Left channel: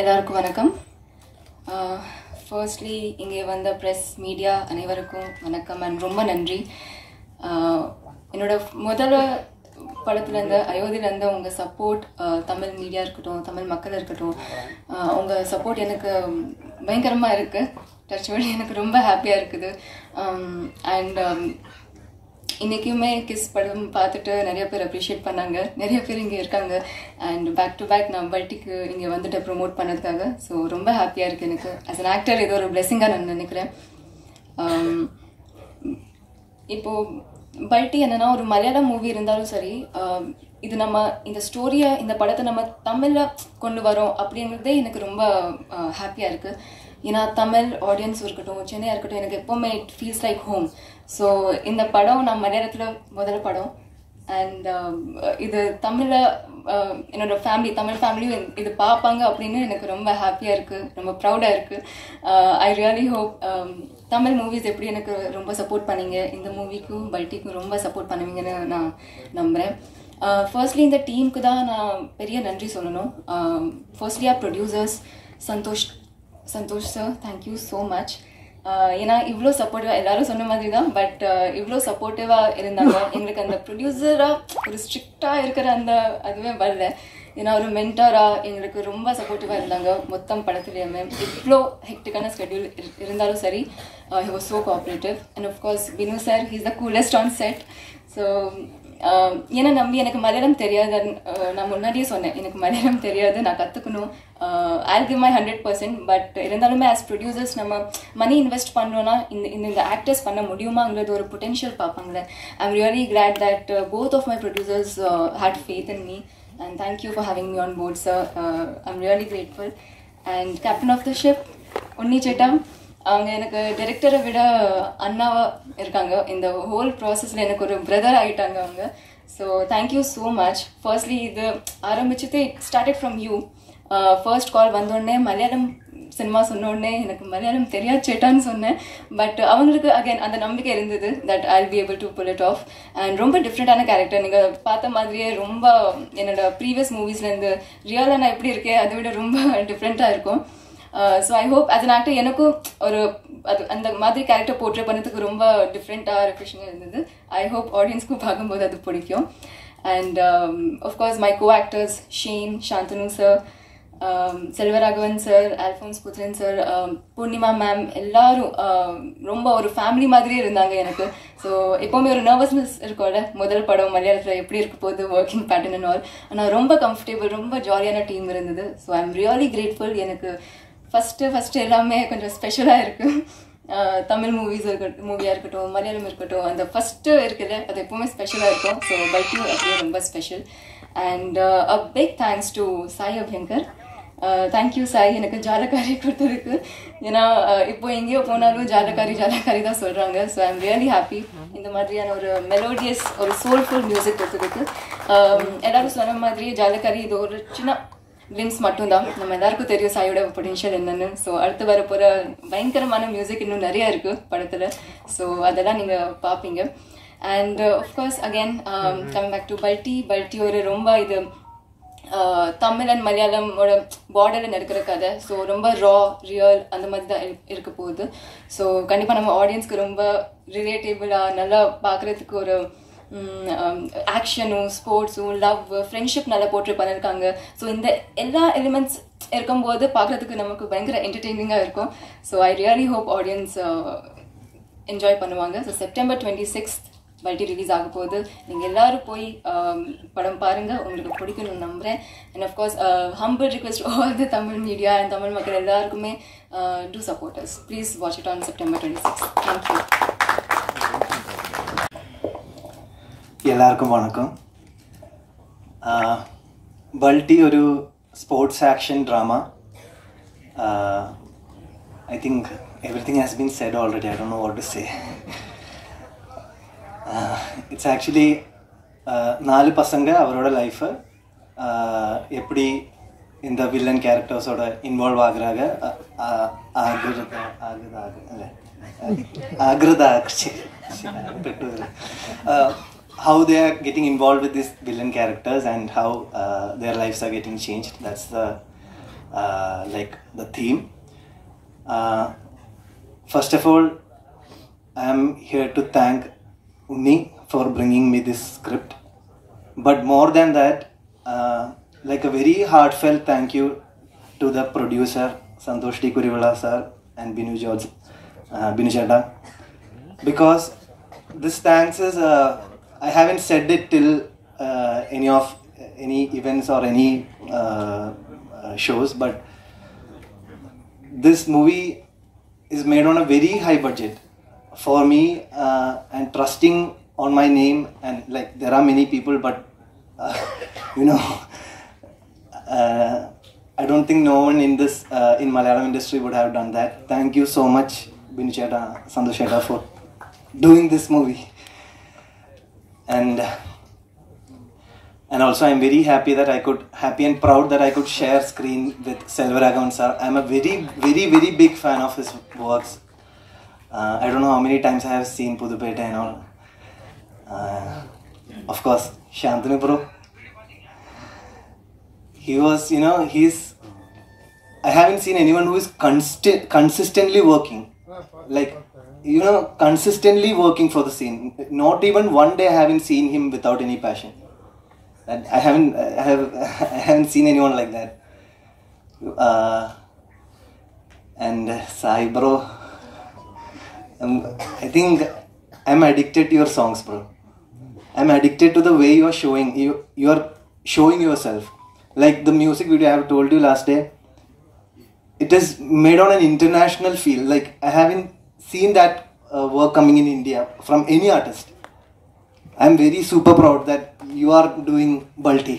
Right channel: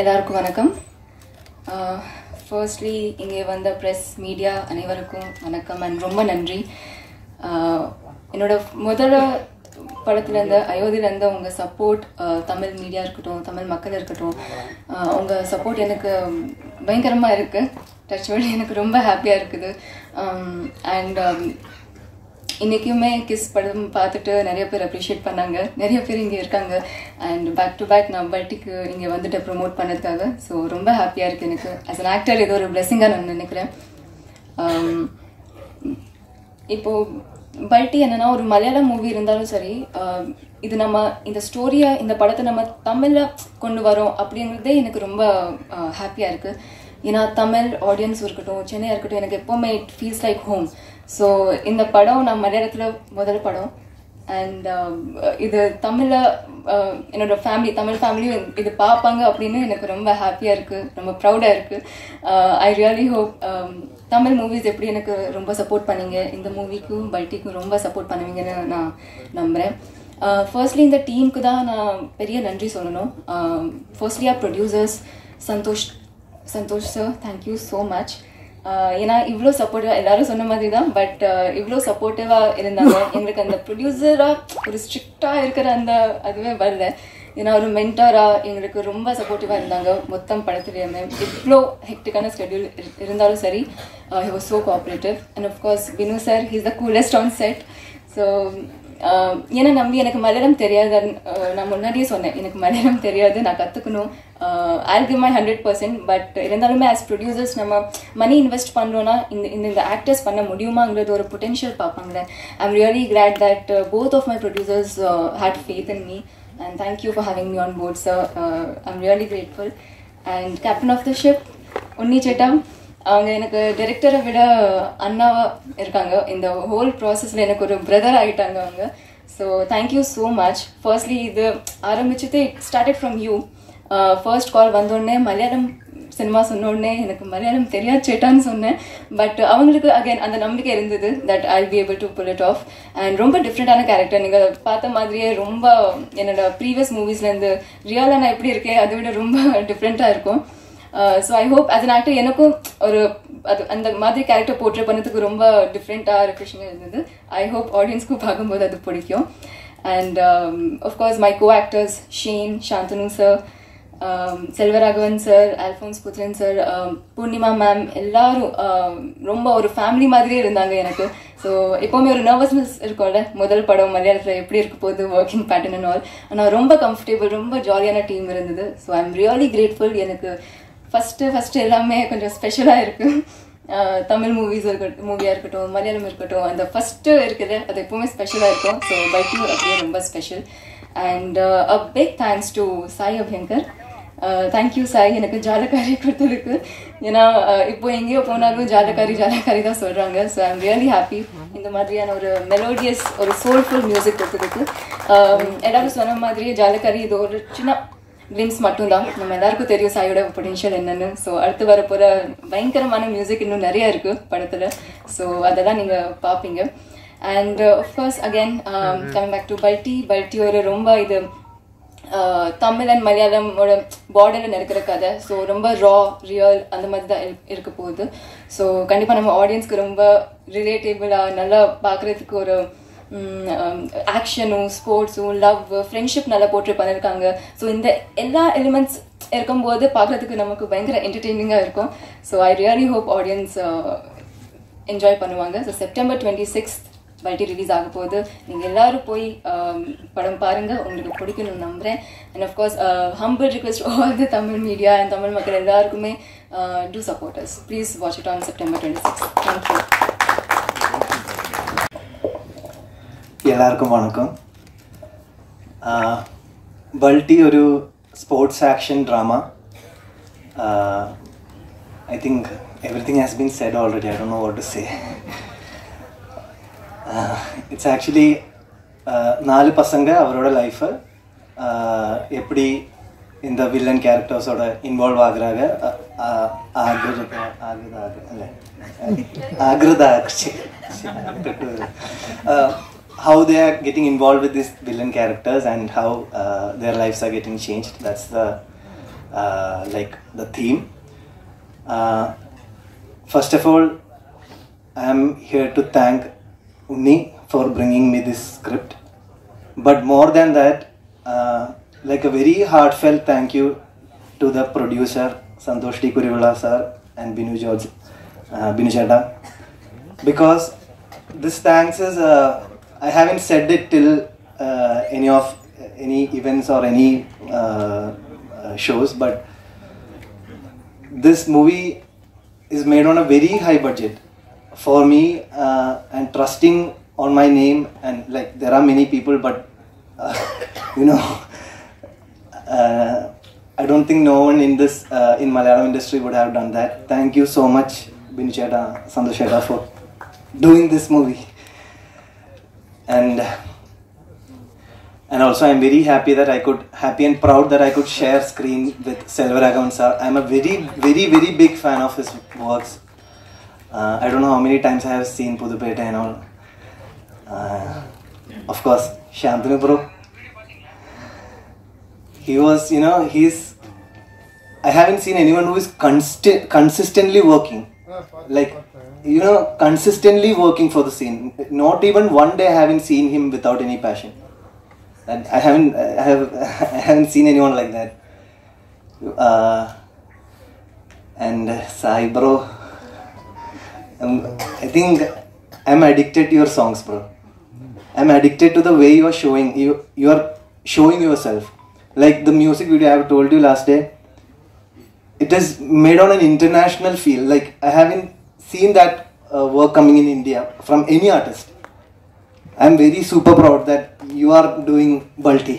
எல்லாருக்கும் வணக்கம். ஃபர்ஸ்ட்லி இங்கே வந்த ப்ரெஸ் மீடியா அனைவருக்கும் வணக்கம் அண்ட் ரொம்ப நன்றி. என்னோட முதல் படத்துலேருந்து அயோத்தியிலேருந்து உங்கள் சப்போர்ட், தமிழ் மீடியா இருக்கட்டும், தமிழ் மக்கள் இருக்கட்டும், உங்கள் சப்போர்ட் எனக்கு பயங்கரமாக இருக்குது. டச் வேர்டு எனக்கு ரொம்ப ஹாப்பியாக இருக்குது. அண்ட் இன்றைக்குமே கிஸ் படம் பார்த்துட்டு நிறைய பேர் அப்ரிஷியேட் பண்ணாங்க. நிறைய பேர் இங்கே இருக்காங்க. அண்ட் பேக் டு பேக் நான் பல்ட்டிக்கு இங்கே வந்துட்டு ப்ரொமோட் பண்ணதுக்காக ஸோ ரொம்ப ஹாப்பியாக இருக்குது எனக்கு. ஆஸ் அன் ஆக்டர் இது ஒரு பிளெஸிங்காக நான் நினைக்கிறேன். இப்போது பல்ட்டி என்னென்னா ஒரு மலையாளம் மூவி இருந்தாலும் சரி, இது நம்ம இந்த ஸ்டோரியை, இந்த படத்தை நம்ம தமிழில் கொண்டு வரோம் அப்படிங்கிறதே எனக்கு ரொம்ப ஹாப்பியாக இருக்குது. ஏன்னா தமிழ் ஆடியன்ஸ் இருக்கட்டும், சென்னையாக இருக்கட்டும், எனக்கு எப்போவுமே it feels like home. So இந்த படம் நான் மலையாளத்தில் முதல் படம். அண்ட் இது தமிழில் என்னோட ஃபேமிலி, தமிழ் ஃபேமிலியும் இது பார்ப்பாங்க அப்படின்னு எனக்கு ரொம்ப ஹாப்பியாக இருக்குது, ரொம்ப ப்ரௌடாக இருக்குது. I really hope Tamil movies எப்படி எனக்கு ரொம்ப சப்போர்ட் பண்ணீங்க, இந்த மூவிக்கும் பல்ட்டிக்கும் ரொம்ப சப்போர்ட் பண்ணுவீங்கன்னு நான் நம்புகிறேன். ஃபர்ஸ்ட்லி இந்த டீமுக்கு தான் நான் பெரிய நன்றி சொல்லணும். Firstly our producers Santhosh sir, thank you so much. ஏன்னா இவ்வளோ சப்போர்ட்டிவாக, எல்லாரும் சொன்ன மாதிரி தான், பட் இவ்வளோ சப்போர்ட்டிவாக இருந்தாங்க. எங்களுக்கு அந்த ப்ரொடியூசராக ஒரு ஸ்ட்ரிக்டாக இருக்கிற அந்த அதுவே வரல. ஏன்னா ஒரு மென்டாராக எங்களுக்கு ரொம்ப சப்போர்ட்டிவாக இருந்தாங்க மொத்தம் படத்துலேயுமே. இவ்வளோ ஹெக்டிக்கான ஸ்கெட்யூல் இருந்தாலும் சரி, he was so cooperative. And of course Binu sir, he is the coolest on set. So ஏன்னா நம்பி எனக்கு மலையாளம் தெரியாது, நான் முன்னாடியே சொன்னேன் எனக்கு மலையாளம் தெரியாது, நான் கற்றுக்கணும். I'll give my 100%. பட் இருந்தாலுமே ஆஸ் ப்ரொடியூசர்ஸ் நம்ம மணி இன்வெஸ்ட் பண்ணுறோன்னா இந்த ஆக்டர்ஸ் பண்ண முடியுமாங்கிறது ஒரு பொட்டென்ஷியல் பார்ப்பாங்களே. I'm really glad that both of my producers had faith in me and thank you for having me on board sir. I'm really grateful. And captain of the ship Unni chetta, அவங்க எனக்கு டைரக்டரை விட அண்ணாவா இருக்காங்க. இந்த ஹோல் ப்ராசஸில் எனக்கு ஒரு பிரதர் ஆகிட்டாங்க அவங்க. So thank you so much. Firstly இது ஆரம்பிச்சது ஸ்டார்டட் ஃப்ரம் யூ. ஃபர்ஸ்ட் கால் வந்தோடனே மலையாளம் சினிமா சொன்னோடனே எனக்கு மலையாளம் தெரியாது சேட்டான்னு சொன்னேன். பட் அவங்களுக்கு அகைன் அந்த நம்பிக்கை இருந்தது that I'll be able to pull it off. And ரொம்ப டிஃப்ரெண்டான கேரக்டர், நீங்கள் பார்த்த மாதிரியே ரொம்ப என்னோட ப்ரீவியஸ் மூவிஸ்லேருந்து ரியலாக நான் எப்படி இருக்கேன் அதை விட ரொம்ப டிஃப்ரெண்ட்டாக இருக்கும். So I hope as an actor எனக்கும் ஒரு அது அந்த மாதிரி கேரக்டர் போர்ட்ரே பண்ணதுக்கு ரொம்ப டிஃப்ரெண்ட்டாக ரெஃப்ரெஷிங்காக இருந்தது. ஐ ஹோப் ஆடியன்ஸ்க்கும் பார்க்கும்போது அது பிடிக்கும். And of course my co actors Shane, Shanthanu sir, Selvaraghavan sir, Alphonse Puthren sir, Poornima ma'am, எல்லாரும் ரொம்ப ஒரு ஃபேமிலி மாதிரியே இருந்தாங்க எனக்கு. ஸோ எப்போவுமே ஒரு நர்வஸ்னஸ் இருக்கும்ல, முதல் படம் மலையாளத்தில் எப்படி இருக்க போகுது, ஒர்க்கிங் பேட்டர்ன் அண்ட் ஆல். ஆனால் ரொம்ப கம்ஃபர்டபுள், ரொம்ப ஜாலியான டீம் இருந்தது. So I am really grateful. எனக்கு ஃபஸ்ட்டு எல்லாமே கொஞ்சம் ஸ்பெஷலாக இருக்குது. தமிழ் மூவியாக இருக்கட்டும், மலையாளம் இருக்கட்டும், அந்த ஃபஸ்ட்டு இருக்குது அது எப்போவுமே ஸ்பெஷலாக இருக்கும். ஸோ பல்ட்டி அப்படியே ரொம்ப special. And a big thanks to Sai Abhyankar. Thank you Sai, எனக்கு ஜாலக்காரி கொடுத்ததுக்கு. ஏன்னா இப்போ எங்கேயோ போனாலும் ஜாலக்காரி தான் சொல்கிறாங்க. So I am really happy இந்த மாதிரியான ஒரு மெலோடியஸ், ஒரு சோல்ஃபுல் மியூசிக் கொடுத்ததுக்கு. எல்லாரும் சொன்ன மாதிரியே ஜாலக்காரி இது ஒரு சின்ன கிளிம்ஸ் மட்டும்தான். நம்ம எல்லாருக்கும் தெரியும் சாயோட பொட்டென்ஷியல் என்னன்னு. ஸோ அடுத்து வரப்போகிற பயங்கரமான மியூசிக் இன்னும் நிறையா இருக்குது படத்தில். ஸோ அதெல்லாம் நீங்கள் பார்ப்பீங்க. And of course again coming back to Balti ஒரு ரொம்ப இது தமிழ் அண்ட் மலையாளமோட பார்டரில் நடக்கிற கதை. ஸோ ரொம்ப ரியல் அந்த மாதிரி தான் இருக்க போகுது. ஸோ கண்டிப்பாக நம்ம ஆடியன்ஸ்க்கு ரொம்ப ரிலேட்டபிளாக நல்லா பார்க்குறதுக்கு ஒரு ஆக்ஷனும், ஸ்போர்ட்ஸும், லவ், ஃப்ரெண்ட்ஷிப் நல்லா போர்ட்ரே பண்ணியிருக்காங்க. ஸோ இந்த எல்லா எலிமெண்ட்ஸ் இருக்கும்போது பார்க்குறதுக்கு நமக்கு பயங்கர என்டர்டெய்னிங்காக இருக்கும். So I really hope audience enjoy பண்ணுவாங்க. ஸோ செப்டம்பர் 26 பல்ட்டி ரிலீஸ் ஆக போகுது. நீங்கள் எல்லாரும் போய் படம் பாருங்கள், உங்களுக்கு பிடிக்கணும்னு நம்புகிறேன். And of course humble request all the Tamil media and Tamil மக்கள் எல்லாருக்குமே to support us. Please watch it on September 26. Thank you. எல்லாருக்கும் வணக்கம். பல்ட்டி ஒரு sports action drama. I think everything has been set already. I don't know what to say. It's actually 4 பசங்க அவரோட லைஃப்பை எப்படி இந்த வில்லன் கேரக்டர்ஸோட இன்வால்வ் ஆகுறாங்க, how they are getting involved with these villain characters and how their lives are getting changed. That's the like the theme. First of all, I am here to thank Unni for bringing me this script. But more than that, like a very heartfelt thank you to the producer Santosh T. Kurivala sir and Binu Chadda, because this thanks is I haven't said it till any events or any shows, but this movie is made on a very high budget for me, and trusting on my name, and like there are many people, but you know, I don't think no one in this in Malayalam industry would have done that. Thank you so much, Binu Chadda, Santosh Chadda, for doing this movie. And also I'm very happy and proud that I could share screen with Selvaragavan sir. I'm a very, very, very big fan of his works. I don't know how many times I have seen Pudupeta and all. Of course, Shantanu bro. He was, you know, I haven't seen anyone who is consistently working. Like, you know, consistently working for the scene. Not even one day I haven't seen him without any passion. And I haven't seen anyone like that. And Sai bro, I think I'm addicted to your songs, bro. I'm addicted to the way you are showing. You are showing yourself. Like the music video I have told you last day, it is made on an international feel. Like I haven't seen that work coming in India from any artist. I'm very super proud that you are doing Balti.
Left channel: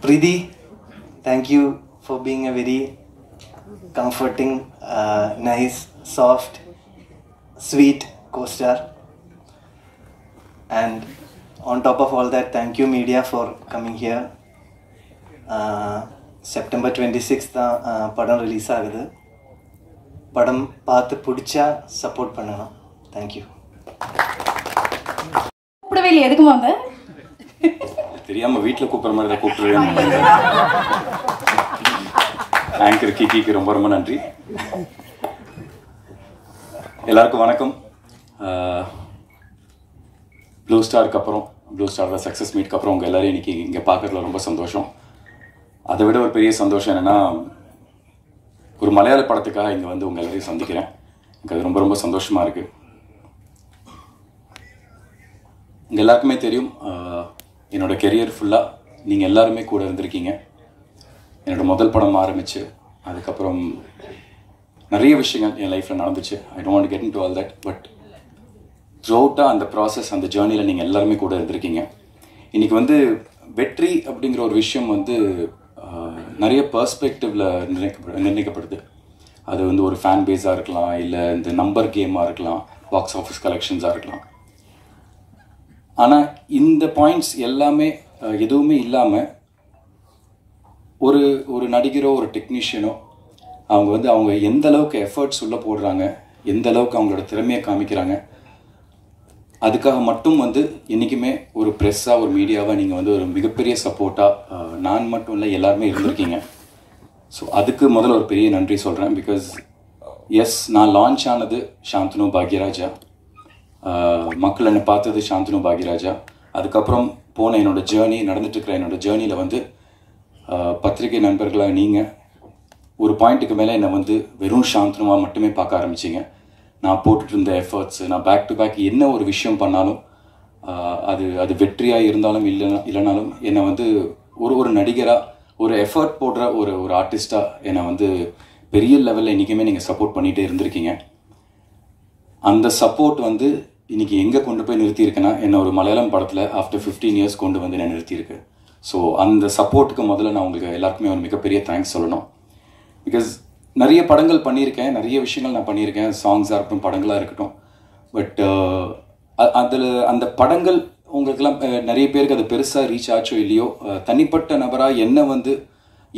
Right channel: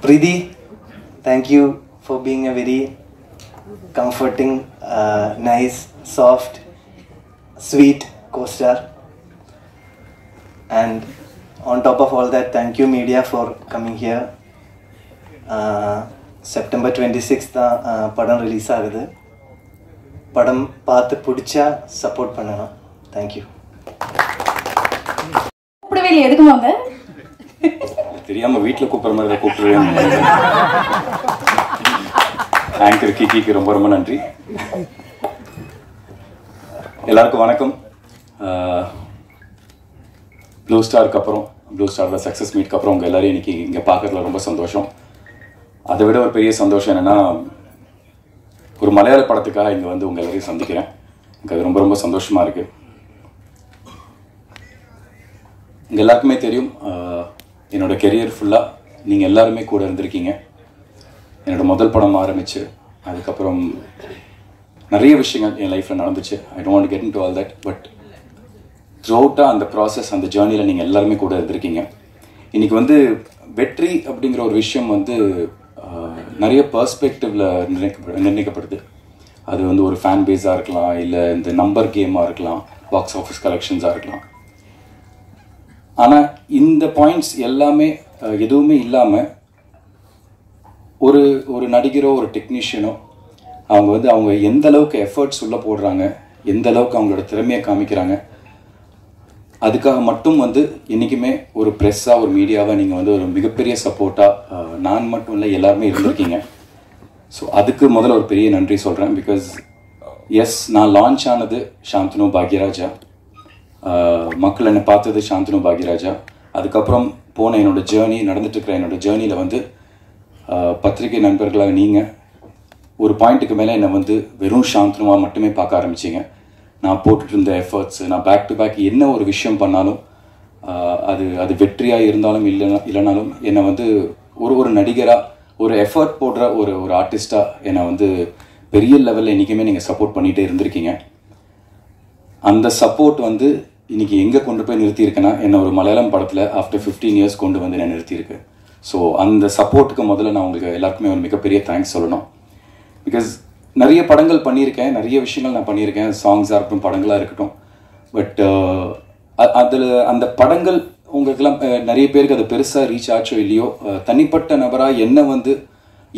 Pridi, thank you for being a very comforting, nice, soft, sweet co-star. And on top of all that, thank you media for coming here. September 26th padam release ஆகுது. படம் பார்த்து பிடிச்சா support பண்ணணும். Thank you. கூப்பிடவே இல்லை, எதுக்கு வாங்க? தெரியாம வீட்டுல கூப்பிடுற மாதிரி கூப்பிடுவேன். ஆங்கர் கிக்கிக்கு ரொம்ப ரொம்ப நன்றி. எல்லாருக்கும் வணக்கம். ப்ளூ ஸ்டாருக்கு அப்புறம், ப்ளூ ஸ்டாரோட சக்ஸஸ் மீட்க்கு அப்புறம் உங்கள் எல்லாரையும் இன்னைக்கு இங்கே பார்க்கறதுல ரொம்ப சந்தோஷம். அதை விட ஒரு பெரிய சந்தோஷம் என்னென்னா, ஒரு மலையாள படத்துக்காக இங்கே வந்து உங்கள் எல்லாரையும் சந்திக்கிறேன். எனக்கு அது ரொம்ப ரொம்ப சந்தோஷமாக இருக்குது. இங்கே எல்லாருக்குமே தெரியும், என்னோட கெரியர் ஃபுல்லாக நீங்கள் எல்லாருமே கூட இருந்திருக்கீங்க. என்னோட முதல் படம் ஆரம்பிச்சு அதுக்கப்புறம் நிறைய விஷயங்கள் என் லைஃப்பில் நடந்துச்சு. I don't want to get into all that, but த்ரூஅவுட்டாக அந்த ப்ராசஸ், அந்த ஜேர்னியில் நீங்கள் எல்லாருமே கூட இருந்திருக்கீங்க. இன்றைக்கி வந்து வெற்றி அப்படிங்கிற ஒரு விஷயம் வந்து நிறைய பர்ஸ்பெக்டிவில் நிர்ணயிக்கப்படுது. அது வந்து ஒரு ஃபேன் பேஸாக இருக்கலாம், இல்லை இந்த நம்பர் கேமாக இருக்கலாம், பாக்ஸ் ஆஃபீஸ் கலெக்ஷன்ஸாக இருக்கலாம். ஆனால் இந்த பாயிண்ட்ஸ் எல்லாமே எதுவுமே இல்லாமல் ஒரு நடிகரோ ஒரு டெக்னீஷியனோ அவங்க எந்த அளவுக்கு எஃபர்ட்ஸ் உள்ளே போடுறாங்க, எந்த அளவுக்கு அவங்களோட திறமையை காமிக்கிறாங்க, அதுக்காக மட்டும் வந்து என்றைக்குமே ஒரு ப்ரெஸ்ஸாக ஒரு மீடியாவாக நீங்கள் வந்து ஒரு மிகப்பெரிய சப்போர்ட்டாக நான் மட்டும் இல்லை எல்லாருமே இருந்திருக்கீங்க. ஸோ அதுக்கு முதல்ல ஒரு பெரிய நன்றி சொல்கிறேன். பிகாஸ் எஸ், நான் லான்ச் ஆனது சாந்தனு பாக்யராஜா, மக்கள் என்னை பார்த்தது சாந்தனு பாக்யராஜா. அதுக்கப்புறம் போன என்னோடய ஜேர்னி, நடந்துட்டுருக்கிற என்னோடய ஜேர்னியில் வந்து பத்திரிகை நண்பர்களாக நீங்கள் ஒரு பாயிண்ட்டுக்கு மேலே என்னை வந்து வெறும் சாந்தனுவாக மட்டுமே பார்க்க ஆரம்பிச்சிங்க. நான் போட்டுட்டு இருந்த எஃபர்ட்ஸு, நான் பேக் டு பேக் என்ன ஒரு விஷயம் பண்ணாலும் அது வெற்றியாக இருந்தாலும் இல்லைனாலும் என்னை வந்து ஒரு நடிகராக, ஒரு எஃபர்ட் போடுற ஒரு ஆர்டிஸ்டாக என்னை வந்து பெரிய லெவலில் இன்றைக்குமே நீங்கள் சப்போர்ட் பண்ணிகிட்டே இருந்திருக்கீங்க. அந்த சப்போர்ட் வந்து இன்றைக்கி எங்கே கொண்டு போய் நிறுத்தியிருக்கேன்னா, என்னை ஒரு மலையாளம் படத்தில் ஆஃப்டர் 15 இயர்ஸ் கொண்டு வந்து நான் நிறுத்தியிருக்கு. ஸோ அந்த சப்போர்ட்டுக்கு முதல்ல நான் உங்களுக்கு எல்லாருக்குமே ஒரு மிகப்பெரிய தேங்க்ஸ் சொல்லணும். பிகாஸ் நிறைய படங்கள் பண்ணியிருக்கேன், நிறைய விஷயங்கள் நான் பண்ணியிருக்கேன், சாங்ஸாக இருக்கட்டும், படங்களாக இருக்கட்டும். பட் அதில் அந்த படங்கள் உங்களுக்கெல்லாம் நிறைய பேருக்கு அது பெருசாக ரீச் ஆச்சோ இல்லையோ, தனிப்பட்ட நபராக என்ன வந்து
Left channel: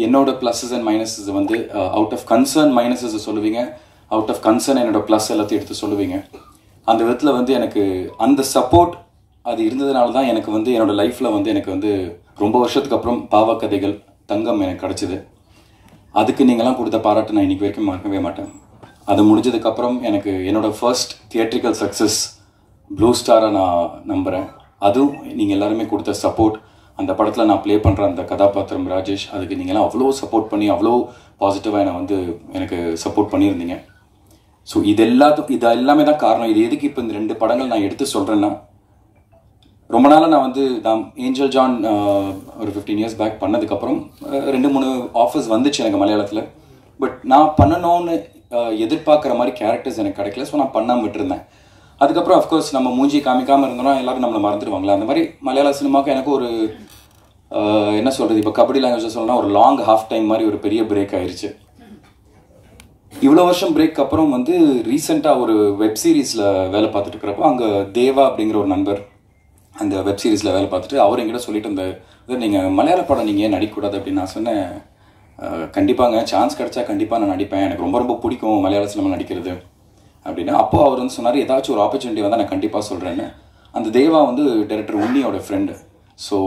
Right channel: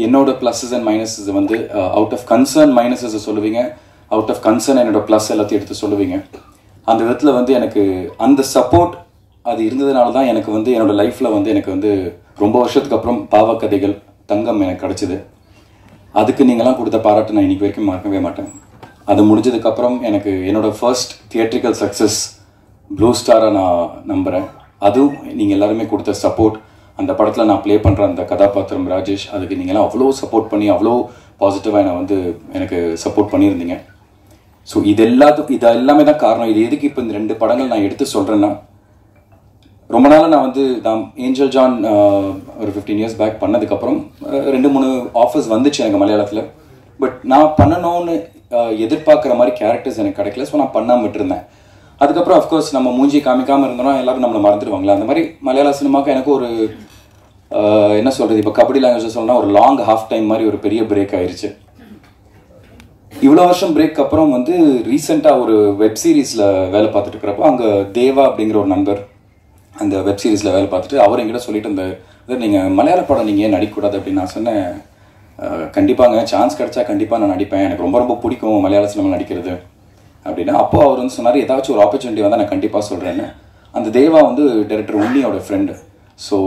என்னோட ப்ளஸஸ் அண்ட் மைனஸஸ் வந்து அவுட் ஆஃப் கன்சர்ன் மைனஸஸ் சொல்லுவீங்க, அவுட் ஆஃப் கன்சர்ன் என்னோட ப்ளஸ் எல்லாத்தையும் எடுத்து சொல்லுவீங்க. அந்த விதத்தில் வந்து எனக்கு அந்த சப்போர்ட் அது இருந்ததுனால தான் எனக்கு வந்து என்னோடய லைஃப்பில் வந்து எனக்கு வந்து ரொம்ப வருஷத்துக்கு அப்புறம் பாவக்கதைகள் தங்கம் எனக்கு கிடச்சிது. அதுக்கு நீங்களாம் கொடுத்த பாராட்டு நான் இன்றைக்கி வரைக்கும் மறக்கவே மாட்டேன். அது முடிஞ்சதுக்கப்புறம் எனக்கு என்னோடய ஃபர்ஸ்ட் தியேட்ரிக்கல் சக்ஸஸ் ப்ளூ ஸ்டாரை நான் நம்புகிறேன். அதுவும் நீங்கள் எல்லாருமே கொடுத்த சப்போர்ட், அந்த படத்தில் நான் ப்ளே பண்ணுற அந்த கதாபாத்திரம் ராஜேஷ், அதுக்கு நீங்களாம் அவ்வளோ சப்போர்ட் பண்ணி அவ்வளோ பாசிட்டிவாக என்னை வந்து எனக்கு சப்போர்ட் பண்ணியிருந்தீங்க. ஸோ இது எல்லாமே தான் காரணம். இது எதுக்கு இப்போ இந்த 2 படங்கள் நான் எடுத்து சொல்கிறேன்னா, ரொம்ப நாள் நான் வந்து ஏஞ்சல் ஜான் ஒரு 15 years பேக் பண்ணதுக்கப்புறம் 2-3 ஆஃபர்ஸ் வந்துச்சு எனக்கு மலையாளத்தில். பட் நான் பண்ணணும்னு எதிர்பார்க்குற மாதிரி கேரக்டர்ஸ் எனக்கு கிடைக்கல. ஸோ நான் பண்ணாமல் விட்டுருந்தேன். அதுக்கப்புறம் அஃப்கோர்ஸ் நம்ம மூஞ்சி காமிக்காமல் இருந்தோம்னா எல்லாரும் நம்மளை மறந்துடுவாங்களா. அந்த மாதிரி மலையாள சினிமாவுக்கு எனக்கு ஒரு என்ன சொல்கிறது, இப்போ கபடி லாங்குவேஜ் சொல்லணும்னா ஒரு லாங் ஹாஃப் டைம் மாதிரி ஒரு பெரிய பிரேக் ஆயிடுச்சு. இவ்வளோ வருஷம் பிரேக் அப்புறம் வந்து ரீசெண்டாக ஒரு வெப் சீரிஸில் வேலை பார்த்துட்டு இருக்கிறப்போ அங்கே தேவா அப்படிங்கிற ஒரு நண்பர் அந்த வெப் சீரிஸில் வேலை பார்த்துட்டு அவர் என்கிட்ட சொல்லிட்டு இருந்தார், நீங்கள் மலையாள படம் நீங்கள் ஏன் நடிக்கக்கூடாது அப்படின்னு. நான் சொன்னேன், கண்டிப்பாங்க சான்ஸ் கிடைச்சா கண்டிப்பாக நான் நடிப்பேன், எனக்கு ரொம்ப ரொம்ப பிடிக்கும் மலையாள சினிமா நடிக்கிறது அப்படின்னா. அப்போது அவர் வந்து சொன்னார், ஏதாச்சும் ஒரு ஆப்பர்ச்சுனிட்டி வந்தால் நான் கண்டிப்பாக சொல்கிறேன்னு. அந்த தேவா வந்து டைரக்டர் உன்னியோட ஃப்ரெண்டு. ஸோ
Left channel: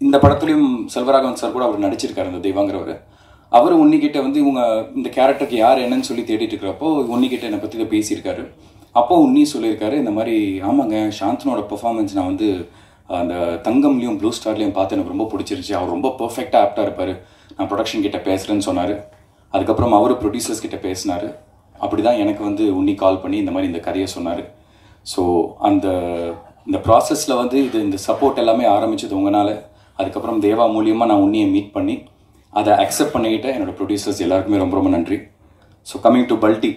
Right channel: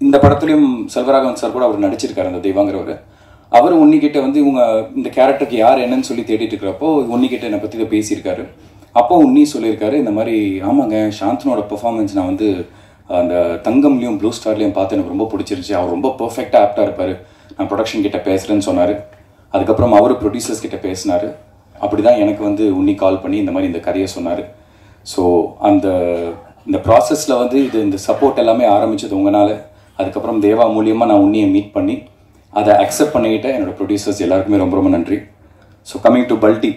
இந்த படத்துலையும் செல்வராகவன் சார் கூட அவர் நடிச்சிருக்காரு அந்த தேவாங்கிறவர். அவர் உன்னிக்கிட்ட வந்து இவங்க இந்த கேரக்டருக்கு யார் என்னன்னு சொல்லி தேடிட்டு இருக்கிறப்போ உன்னிக்கிட்ட என்னை பற்றி இதை பேசியிருக்காரு. அப்போ உன்னி சொல்லியிருக்காரு, இந்த மாதிரி ஆமாங்க சாந்தனோட பெர்ஃபார்மன்ஸ் நான் வந்து அந்த தங்கம்லையும் ப்ளூ ஸ்டார்லையும் பார்த்து எனக்கு ரொம்ப பிடிச்சிருச்சு, அவர் ரொம்ப பர்ஃபெக்டாக ஆப்டாக இருப்பார், நான் ப்ரொடக்ஷன் கிட்ட பேசுகிறேன்னு சொன்னார். அதுக்கப்புறம் அவர் ப்ரொடியூசர்ஸ் கிட்ட பேசினார். அப்படி தான் எனக்கு வந்து உன்னி கால் பண்ணி இந்த மாதிரி இந்த கதையை சொன்னார். ஸோ இந்த ப்ராசஸில் வந்து இந்த சப்போர்ட் எல்லாமே ஆரம்பிச்சது உங்களால். அதுக்கப்புறம் தேவா மூலியமாக நான் உன்னியை மீட் பண்ணி அதை அக்செப்ட் பண்ணிக்கிட்ட என்னோடய ப்ரொடியூசர்ஸ் எல்லாருக்குமே ரொம்ப ரொம்ப நன்றி. So coming to Balti,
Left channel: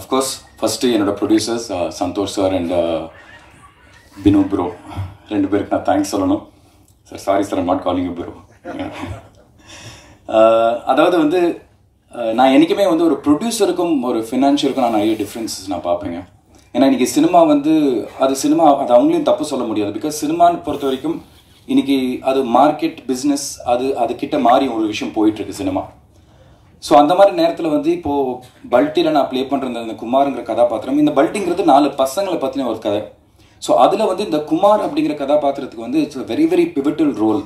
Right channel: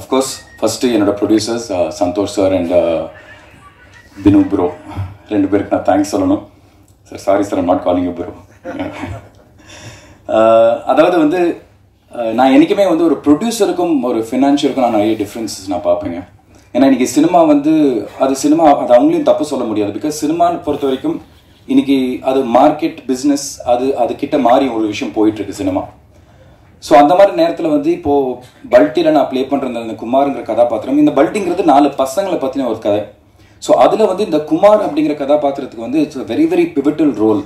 of course first என்னோடய producers Santhosh sir and Binu bro, 2 பேருக்கு நான் தேங்க்ஸ் சொல்லணும். Sir sorry sir, I'm not calling you bro. அதாவது வந்து நான் என்றைக்குமே வந்து ஒரு ப்ரொடியூசருக்கும் ஒரு ஃபினான்ஷியலுக்கும் நான் நிறைய டிஃப்ரென்சஸ் நான் பார்ப்பேங்க. ஏன்னா இன்றைக்கி சினிமா வந்து அது அவங்களையும் தப்பு சொல்ல முடியாது. பிகாஸ் சினிமான்னு பொறுத்த வரைக்கும் இன்றைக்கி அது மார்க்கெட் பிஸ்னஸ், அது கிட்ட மாறி ஒரு விஷயம் போயிட்டுருக்கு சினிமா. ஸோ அந்த மாதிரி நேரத்தில் வந்து இப்போது பல்ட்டியில் நான் ப்ளே பண்ணுற அந்த குமாருங்கிற கதாபாத்திரம், இந்த பல்ட்டிங்கிறது 4 பசங்களை பற்றின ஒரு கதை. ஸோ அதில் வந்து இந்த குமார் அப்படிங்கிற கதாபாத்திரத்துக்கு வந்து it's very very pivotal role.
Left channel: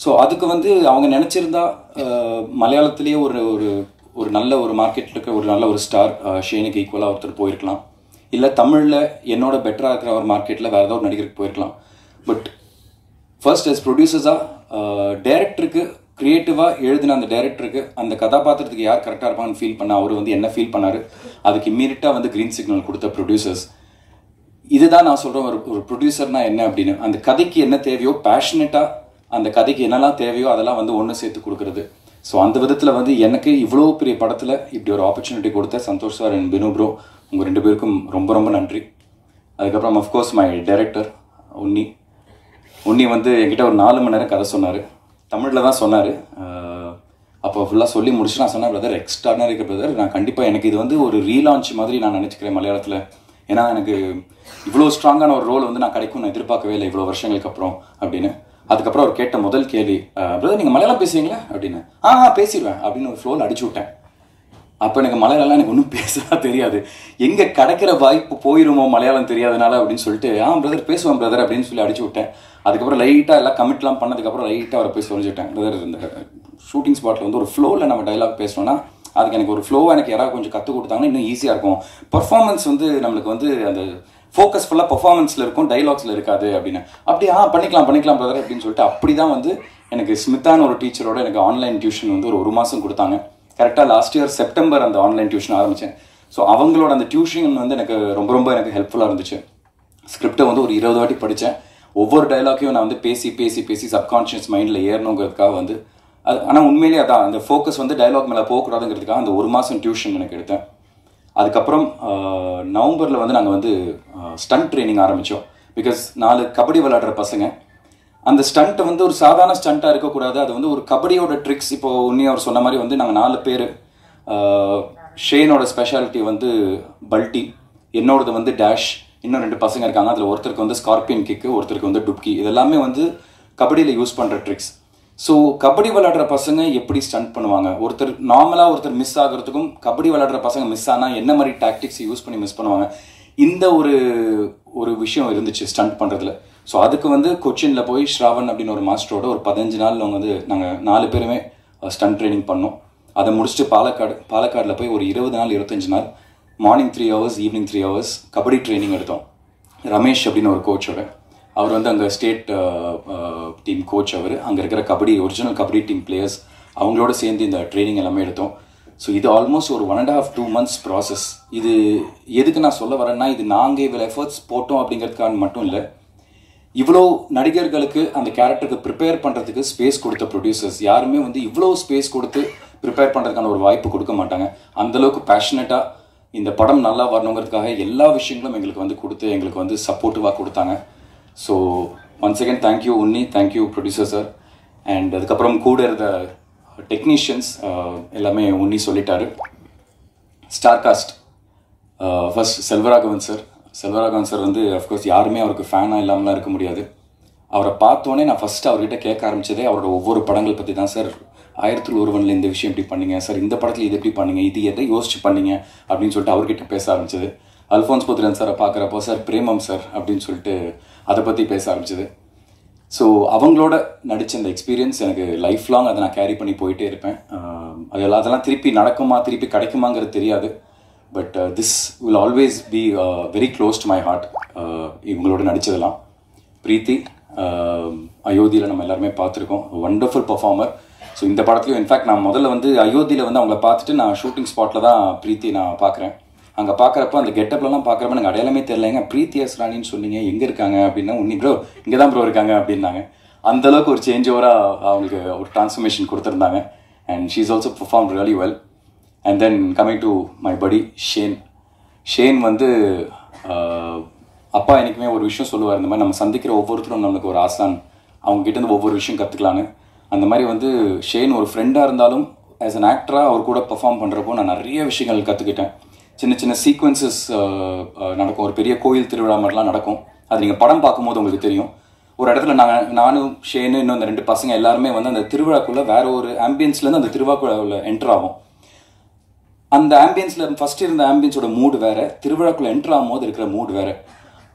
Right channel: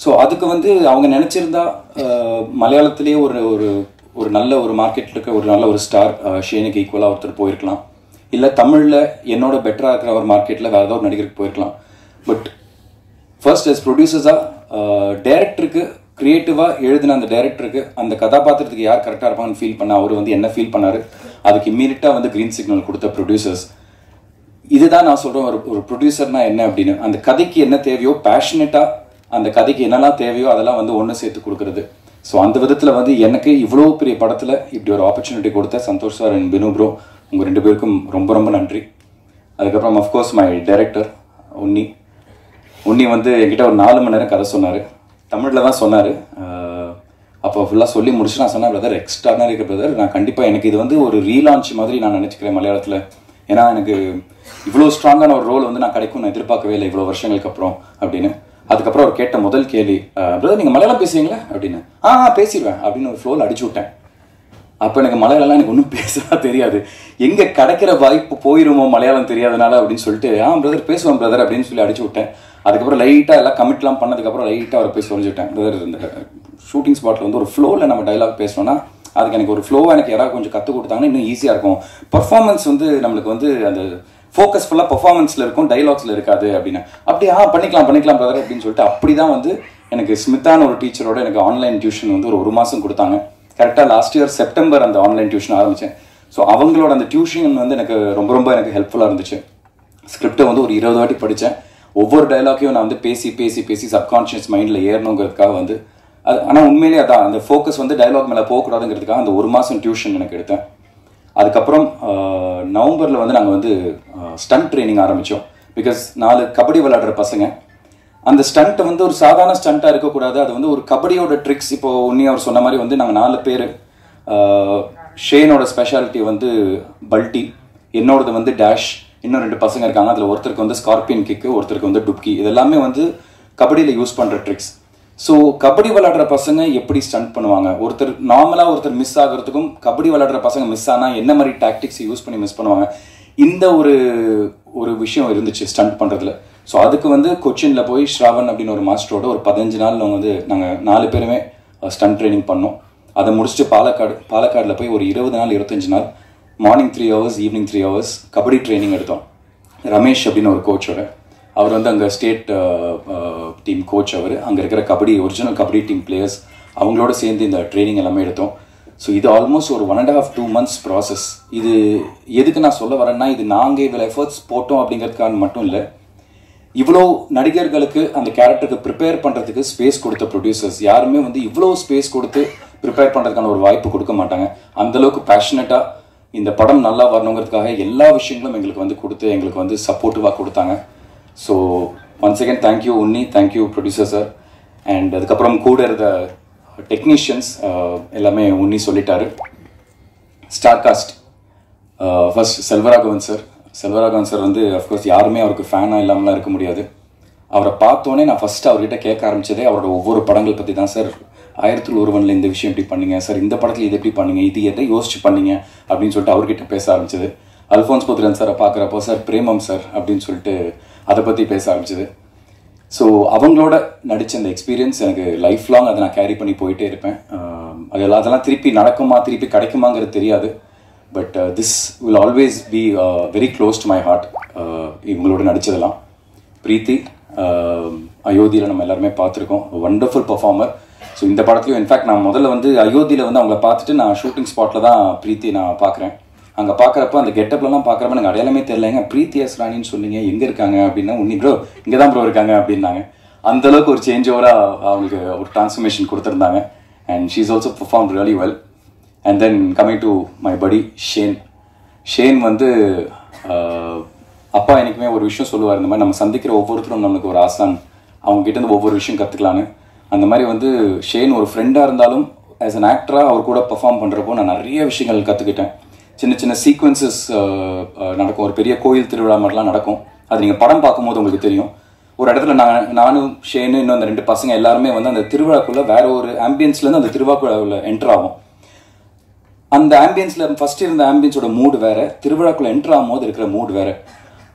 So அதுக்கு வந்து அவங்க நினச்சிருந்தா மலையாளத்திலேயே ஒரு நல்ல ஒரு மார்க்கெட்டில் இருக்க ஒரு நல்ல ஒரு ஸ்டார் ஷேனுக்கு ஈக்குவலாக ஒருத்தர் போயிருக்கலாம். இல்லை தமிழில் என்னோட பெட்டராக இருக்கிற ஒரு மார்க்கெட்டில் வேறு ஏதாவது ஒரு நடிகருக்கு போயிருக்கலாம். பட் ஃபர்ஸ்ட் as ப்ரொடியூசர்ஸாக டைரக்டருக்கு க்ரியேட்டிவாக எழுதின அந்த டைரக்டருக்கு அந்த கதாபாத்திரத்துக்கு யார் கரெக்டாக இருப்பாங்கன்னு ஃபீல் பண்ண அவர் வந்து என்ன ஃபீல் பண்ணார், அதுக்கு இம்மீடியட்டாக வந்து க்ரீன் சிக்னல் கொடுத்த ப்ரொடியூசர்ஸ். இதுதான் நான் சொல்கிறேன் ஒரு ப்ரொடியூசர்னா என்ன அப்படின்னு. அந்த கதைக்கு என்ன தேவையோ பேஷனேட்டாக அந்த கதைக்கு என்னெல்லாம் தேவையோ அதெல்லாம் வந்து ஒன்று சேர்த்து கொடுக்குறது. ஸோ அந்த விதத்தில் வந்து எனக்கு இவ்வளோ பெரிய படத்தில் இப்படி ஒரு ஆப்பர்ச்சுனிட்டி கொடுத்த Santhosh sir and Binu bro, உங்கள் 2 பேருக்கும் ரொம்ப ரொம்ப நன்றி. அதுக்கப்புறம் அஃப்கோர்ஸ் மை டைரக்டர் உன்னி வந்து என்கிட்ட ஒரு 4 மணி நேரம் கதை சொன்னார். தமிழில் தான் சொன்னார். அப்போ ஃபுல்லாக சொல்லி முடிச்சு நான் சொன்னேன், பிரதர் எக்ஸ்ட்ரானரி இருக்க பிரதர், நான் கண்டிப்பாக எனக்கு இது வந்து ஒரு ரீலான்ச் மாதிரி நான் நினச்சிக்கிறேன் மலையாளத்தில். ஏன்னா எனக்கு இவ்வளோ ஸ்ட்ராங்கான ஒரு ரோல் வந்து நான் கிடைக்கும்னு எதிர்பார்க்கவே இல்லை இவ்வளோ வருஷங்களுக்கு அப்புறம் அப்படின்னு. அதுக்கப்புறம் அவர் கேட்ட முதல் கேள்வி, பிரதர் நீங்கள் மலையாளம் பேசுவீங்களா அப்படின்னு. பேசிடுவேன் அப்படின்னு ஒரு ஃப்ளோவில் அடிச்சு விட்டேன். அப்போ எனக்கு மலையாளம்லாம் எனக்கு ஒன்றும் பேசலாம் தெரியாது, எங்கே கிடைக்கிற வாய்ப்பு போயிருமோ மலையாளம் தெரியாதனால அப்படின்னு சொல்லிட்டு பிரதர் பேசுவேன் பிரதர் அப்படின்னு சொல்லி அடிச்சு விட்டேன். அதுக்கப்புறம் லைட்டாக எல்லாம் கமிட்லாம் பண்ணதுக்கப்புறம் லைட்டாக அவரை பேசி சொல்லிவிட்டேன், பிரதர் இந்த ஷூட்டிங் ஸ்பாட்டில் வந்து ஒரு ஃப்ளோவில் நம்ம டைலாக் பேசணும்னா அதுக்கு எனக்கு ஒரு ஃப்ளோவாக எனக்கு யாராவது கொஞ்சம் கற்றுக் கொடுத்தாங்கன்னா இன்னும் ஈஸியாக இருக்கும். பர்ஃபார்மன்ஸ் வந்து நம்மளுக்கு வந்து அந்த ஃபோக்கஸ் ஃபுல்லாக பர்ஃபார்மன்ஸில் இருக்கும், டைலாக்ஸில் இருக்காது அப்படின்னு. அப்படி பண்ணிக்கலாம் பிரதர் அப்படின்னு சொல்லிட்டு அப்படி தான் வந்து எனக்கு ஸ்மித்தான ஒரு டீச்சரோட எனக்கு ஆன்லைன் டியூஷன் வந்து ஒரு மாதம் கொடுத்தாங்க. கரெக்டாக லாஸ்ட் இயர் செப்டம்பர் அந்த ஆன்லைன் டியூஷன் ஆரம்பித்தேன். ஸோ அவங்களோட அந்த டியூஷன் வந்து எனக்கு ரொம்ப ரொம்ப எனக்கு ஹெல்ப்ஃபுல்லாக இருந்துச்சு. ஸ்கிரிப்டை வந்து ஒரு 20 வாட்டி படித்தேன். ஒவ்வொரு டைலாக்கையும் நான் வந்து பேசி சப்கான்ஷியஸ் மைண்டில் ஏறணுங்கிறதுக்காக வந்து அது. ஆனால் உண்மையிலேயே அதான் அந்த ஃபோக்கஸ் வந்து டைலாக் மேலே போகக்கூடாதுங்கிறதுக்காக அந்த 1 மாதம் டியூஷன் எனக்கு எடுத்தேன். அதுக்கப்புறம் நவம்பரில் வந்து நாங்கள் வந்து ஸ்டண்ட் ட்ரைனிங் ஆரம்பித்தோம். பிகாஸ் 4 கபடி விளையாடுற பசங்க, அந்த ஸ்டண்ட்டை வந்து ஒரு சாதாரண ஸ்டண்ட்டாக இருக்கக்கூடாது, அது வந்து ஒரு கபடியோட ட்ரிக்ஸ். இப்போது உன்னி அவர் சொன்ன மாதிரி வந்து நாங்கள் 4 பேர், ஷேனோட ஸ்பெஷாலிட்டி வந்து பல்ட்டி, என்னோடது வந்து டேஷ், இன்னும் 2 பசங்க இருக்காங்க. அதில் ஒருத்தருக்கு வந்து ஸ்கார்பியன் கிக்கு, ஒருத்தருக்கு வந்து டுப்கி. இதெல்லாமே வந்து கபடியில் யூஸ் பண்ணுற ட்ரிக்ஸ். ஸோ கபடி விளையாடுற பசங்க எப்படி ஸ்டண்ட் பண்ணுவாங்க, ஒருத்தர் மிஸ் ஆகிறதுக்கும் கபடி விளையாடுற பசங்க மிஸ் ஆனால் என்ன மாதிரி டாக்டிக்ஸ் யூஸ் பண்ணி மிஸ் பண்ணுவாங்க, இந்த ஒரு விஷயம் இருந்துச்சு ஸ்டண்ட் பண்ணுறதுல. ஸோ அதுக்கு வந்து கொச்சினில் போய் ஸ்ராவன் அப்படின்னு ஒரு மாஸ்டரோட ஒரு 15 நாள் வந்து நாங்கள் 4 பேருமே ஸ்டண்ட் ட்ரைனிங் பண்ணோம். அதை முடிச்சுட்டு பாலக்காடில் போய் ஒரு 20 நாள் 25 நாள் morning 3 hours evening 3 hours kabaddi training எடுத்தோம். ரமேஷ் அப்படின்னு ஒரு கோச்சோட, அவர் வந்து அங்கே ஸ்டேட் டீம் கோச். அவர் அங்கே இருக்கிற ஒரிஜினல் கபடி டீம் பிளேயர்ஸ் அவங்களோட சேர்ந்து இந்த ட்ரைனிங் எல்லாமே எடுத்தோம். ஸோ இது ஆல்மோஸ்ட் ஒரு 1.5-2 months ப்ராசஸ். இது எதுக்கு நான் சொல்ல வரேன்னா, இது நாங்கள் இவ்வளோ எஃபர்ட்ஸ் போட்டோம் அப்படிங்கிறதுக்கான மட்டும் இல்லை, இவ்வளோ நடிகர்களுக்கு அந்த கேரக்டருக்கு ப்ரிப்பேர் பண்ணுறதுக்கு ஸ்பேஸ் கொடுத்த ப்ரொடியூசர்ஸ் யாருமே வந்து இவ்வளோ ஸ்பேஸ் கொடுத்து ப்ரிப்பேர் பண்ணுறதுக்கான ஒரு வாய்ப்பு கொடுக்க மாட்டாங்க. அந்தளவுக்கு பேஷனட்டாக இந்த படம் நல்லா வரணுங்கிறதுக்காக எல்லா விஷயங்களும் எங்களுக்கு வந்து கொடுத்து எங்களுக்கு வந்து சப்போர்ட்டிவாக கொடுத்தாங்க. So once again thank you Unni, thank you producer sir. And அதுக்கப்புறம் கூட இருந்த டெக்னீஷியன்ஸ் எல்லாமே உன்னி சொல்லிட்டாரு. Star cast first Selvaraghavan sir வந்து அஃப்கோர்ஸ் யாருமே அவருக்கு ஃபேனாக இல்லாமலாம் இருக்க முடியாது. அவரை பார்த்தோன்னே நான் ஃபஸ்ட்டு அவர்கிட்ட கேட்க ஆரம்பிச்சதே அவரோட ஒவ்வொரு படங்கள் பற்றி தான். சார் 1001 இந்த விஷயம் எப்படி பண்ணீங்க சார், இந்த படத்தில் இது எப்படி பண்ணீங்க, இது எதை யோசிச்சு பண்ணீங்க அப்படின்னு சொல்லிட்டு அவர்கிட்ட பேச ஆரம்பிச்சது. அல்ஃபோன்ஸ் புத்திரன் சாரை பார்க்குறப்போ சார் பிரேமம் சார் அப்படின்னு சொல்லிட்டு அதை பற்றி பேச ஆரம்பிச்சது. ஸோ அவங்களோட நடித்த அந்த எக்ஸ்பீரியன்ஸ் எனக்கு லைஃப் லாங் அதை நான் கேரி பண்ணி போயிட்டே இருப்பேன். அதெல்லாம் திருப்பி நடக்குமா திருப்பி கிடைக்குமாங்கிறது தெரியாது. But this will always be very close to my heart. இவங்களோட நடித்ததெல்லாம் பிரீத்தி அயோத்தியில் நம்ம எல்லாருமே பார்த்துருக்கோம், வண்டர்ஃபுல் பர்ஃபார்மர். ஸோ இந்த படத்துலையும் இன்ஃபேக்ட் நான் முதல்ல வந்து அயோத்தியில் வந்து அவங்கள பார்த்துட்டு நான் ஷூட்டிங் ஸ்பாட்டில் தான் பிரீத்தி நான் பார்க்குறேன். அங்கே பார்க்குறப்போ அந்த கெட்டப்லாம் பார்க்குறப்ப எனக்கு அடையாளமே தெரியலைங்க. பிரீத்தி எஸ் ராணின்னு சொன்னீங்க, எங்கே இருக்காங்க அப்படின்னா, உன்னி ப்ரோ இங்கே தான் ப்ரோ இருக்காங்க அப்படின்னாங்க. அந்தளவுக்கு ஒரு சேஞ்ச் ஓவராக அவங்களுக்கு ஒரு டிரான்ஸ்ஃபர்மேஷன் கொடுத்துருந்தாங்க. And she is also perform really well. And then coming to my படி ஷேன் வந்து அப்பா எனக்குமே ஒரு விஷயம் சொல்லுவார், இந்த மாதிரி நம்ம சந்திக்கிற ஒவ்வொருத்தரும் நம்மளுக்கு ஒரு ஆசான், அவங்ககிட்ட ஒவ்வொரு விஷயம் கற்றுக்கலான்னு. அந்த மாதிரி வந்து ஷேன் ஒரு ஃப்ரெண்டாக இருந்தாலும் ஆஸ் அன் ஆக்டராக அவர் கூட பெர்ஃபார்ம் பண்ணுறப்போ நான் நிறைய விஷயங்கள் கற்றுக்கிட்டேன். சின்ன சின்ன சீக்வன்சஸ் நடக்கும், ஒரு பெரிய கோயில் திருவிழா மாதிரிலாம் நடக்கும். அது நீங்கள் படம் பார்க்கும்போது உங்களுக்கு தெரியும். ஒரு இடத்துல நானும் ஷேனு இன்னும் அந்த 2 பசங்க எல்லாருமே வந்து அந்த திருவிழாக்குள்ளே வேற ஒரு ஆம்பியன்ஸ்லேருந்து அந்த திருவிழாக்குள்ள என்டர் ஆகும். அந்த ஆம்பியன்ஸில் ஃபர்ஸ்ட் இருந்த ஆம்பியன்ஸோட மூடு வேற, திருவிழாக்குள்ளே என்டர் ஆகும் போது இருக்கிற மூடு வேற.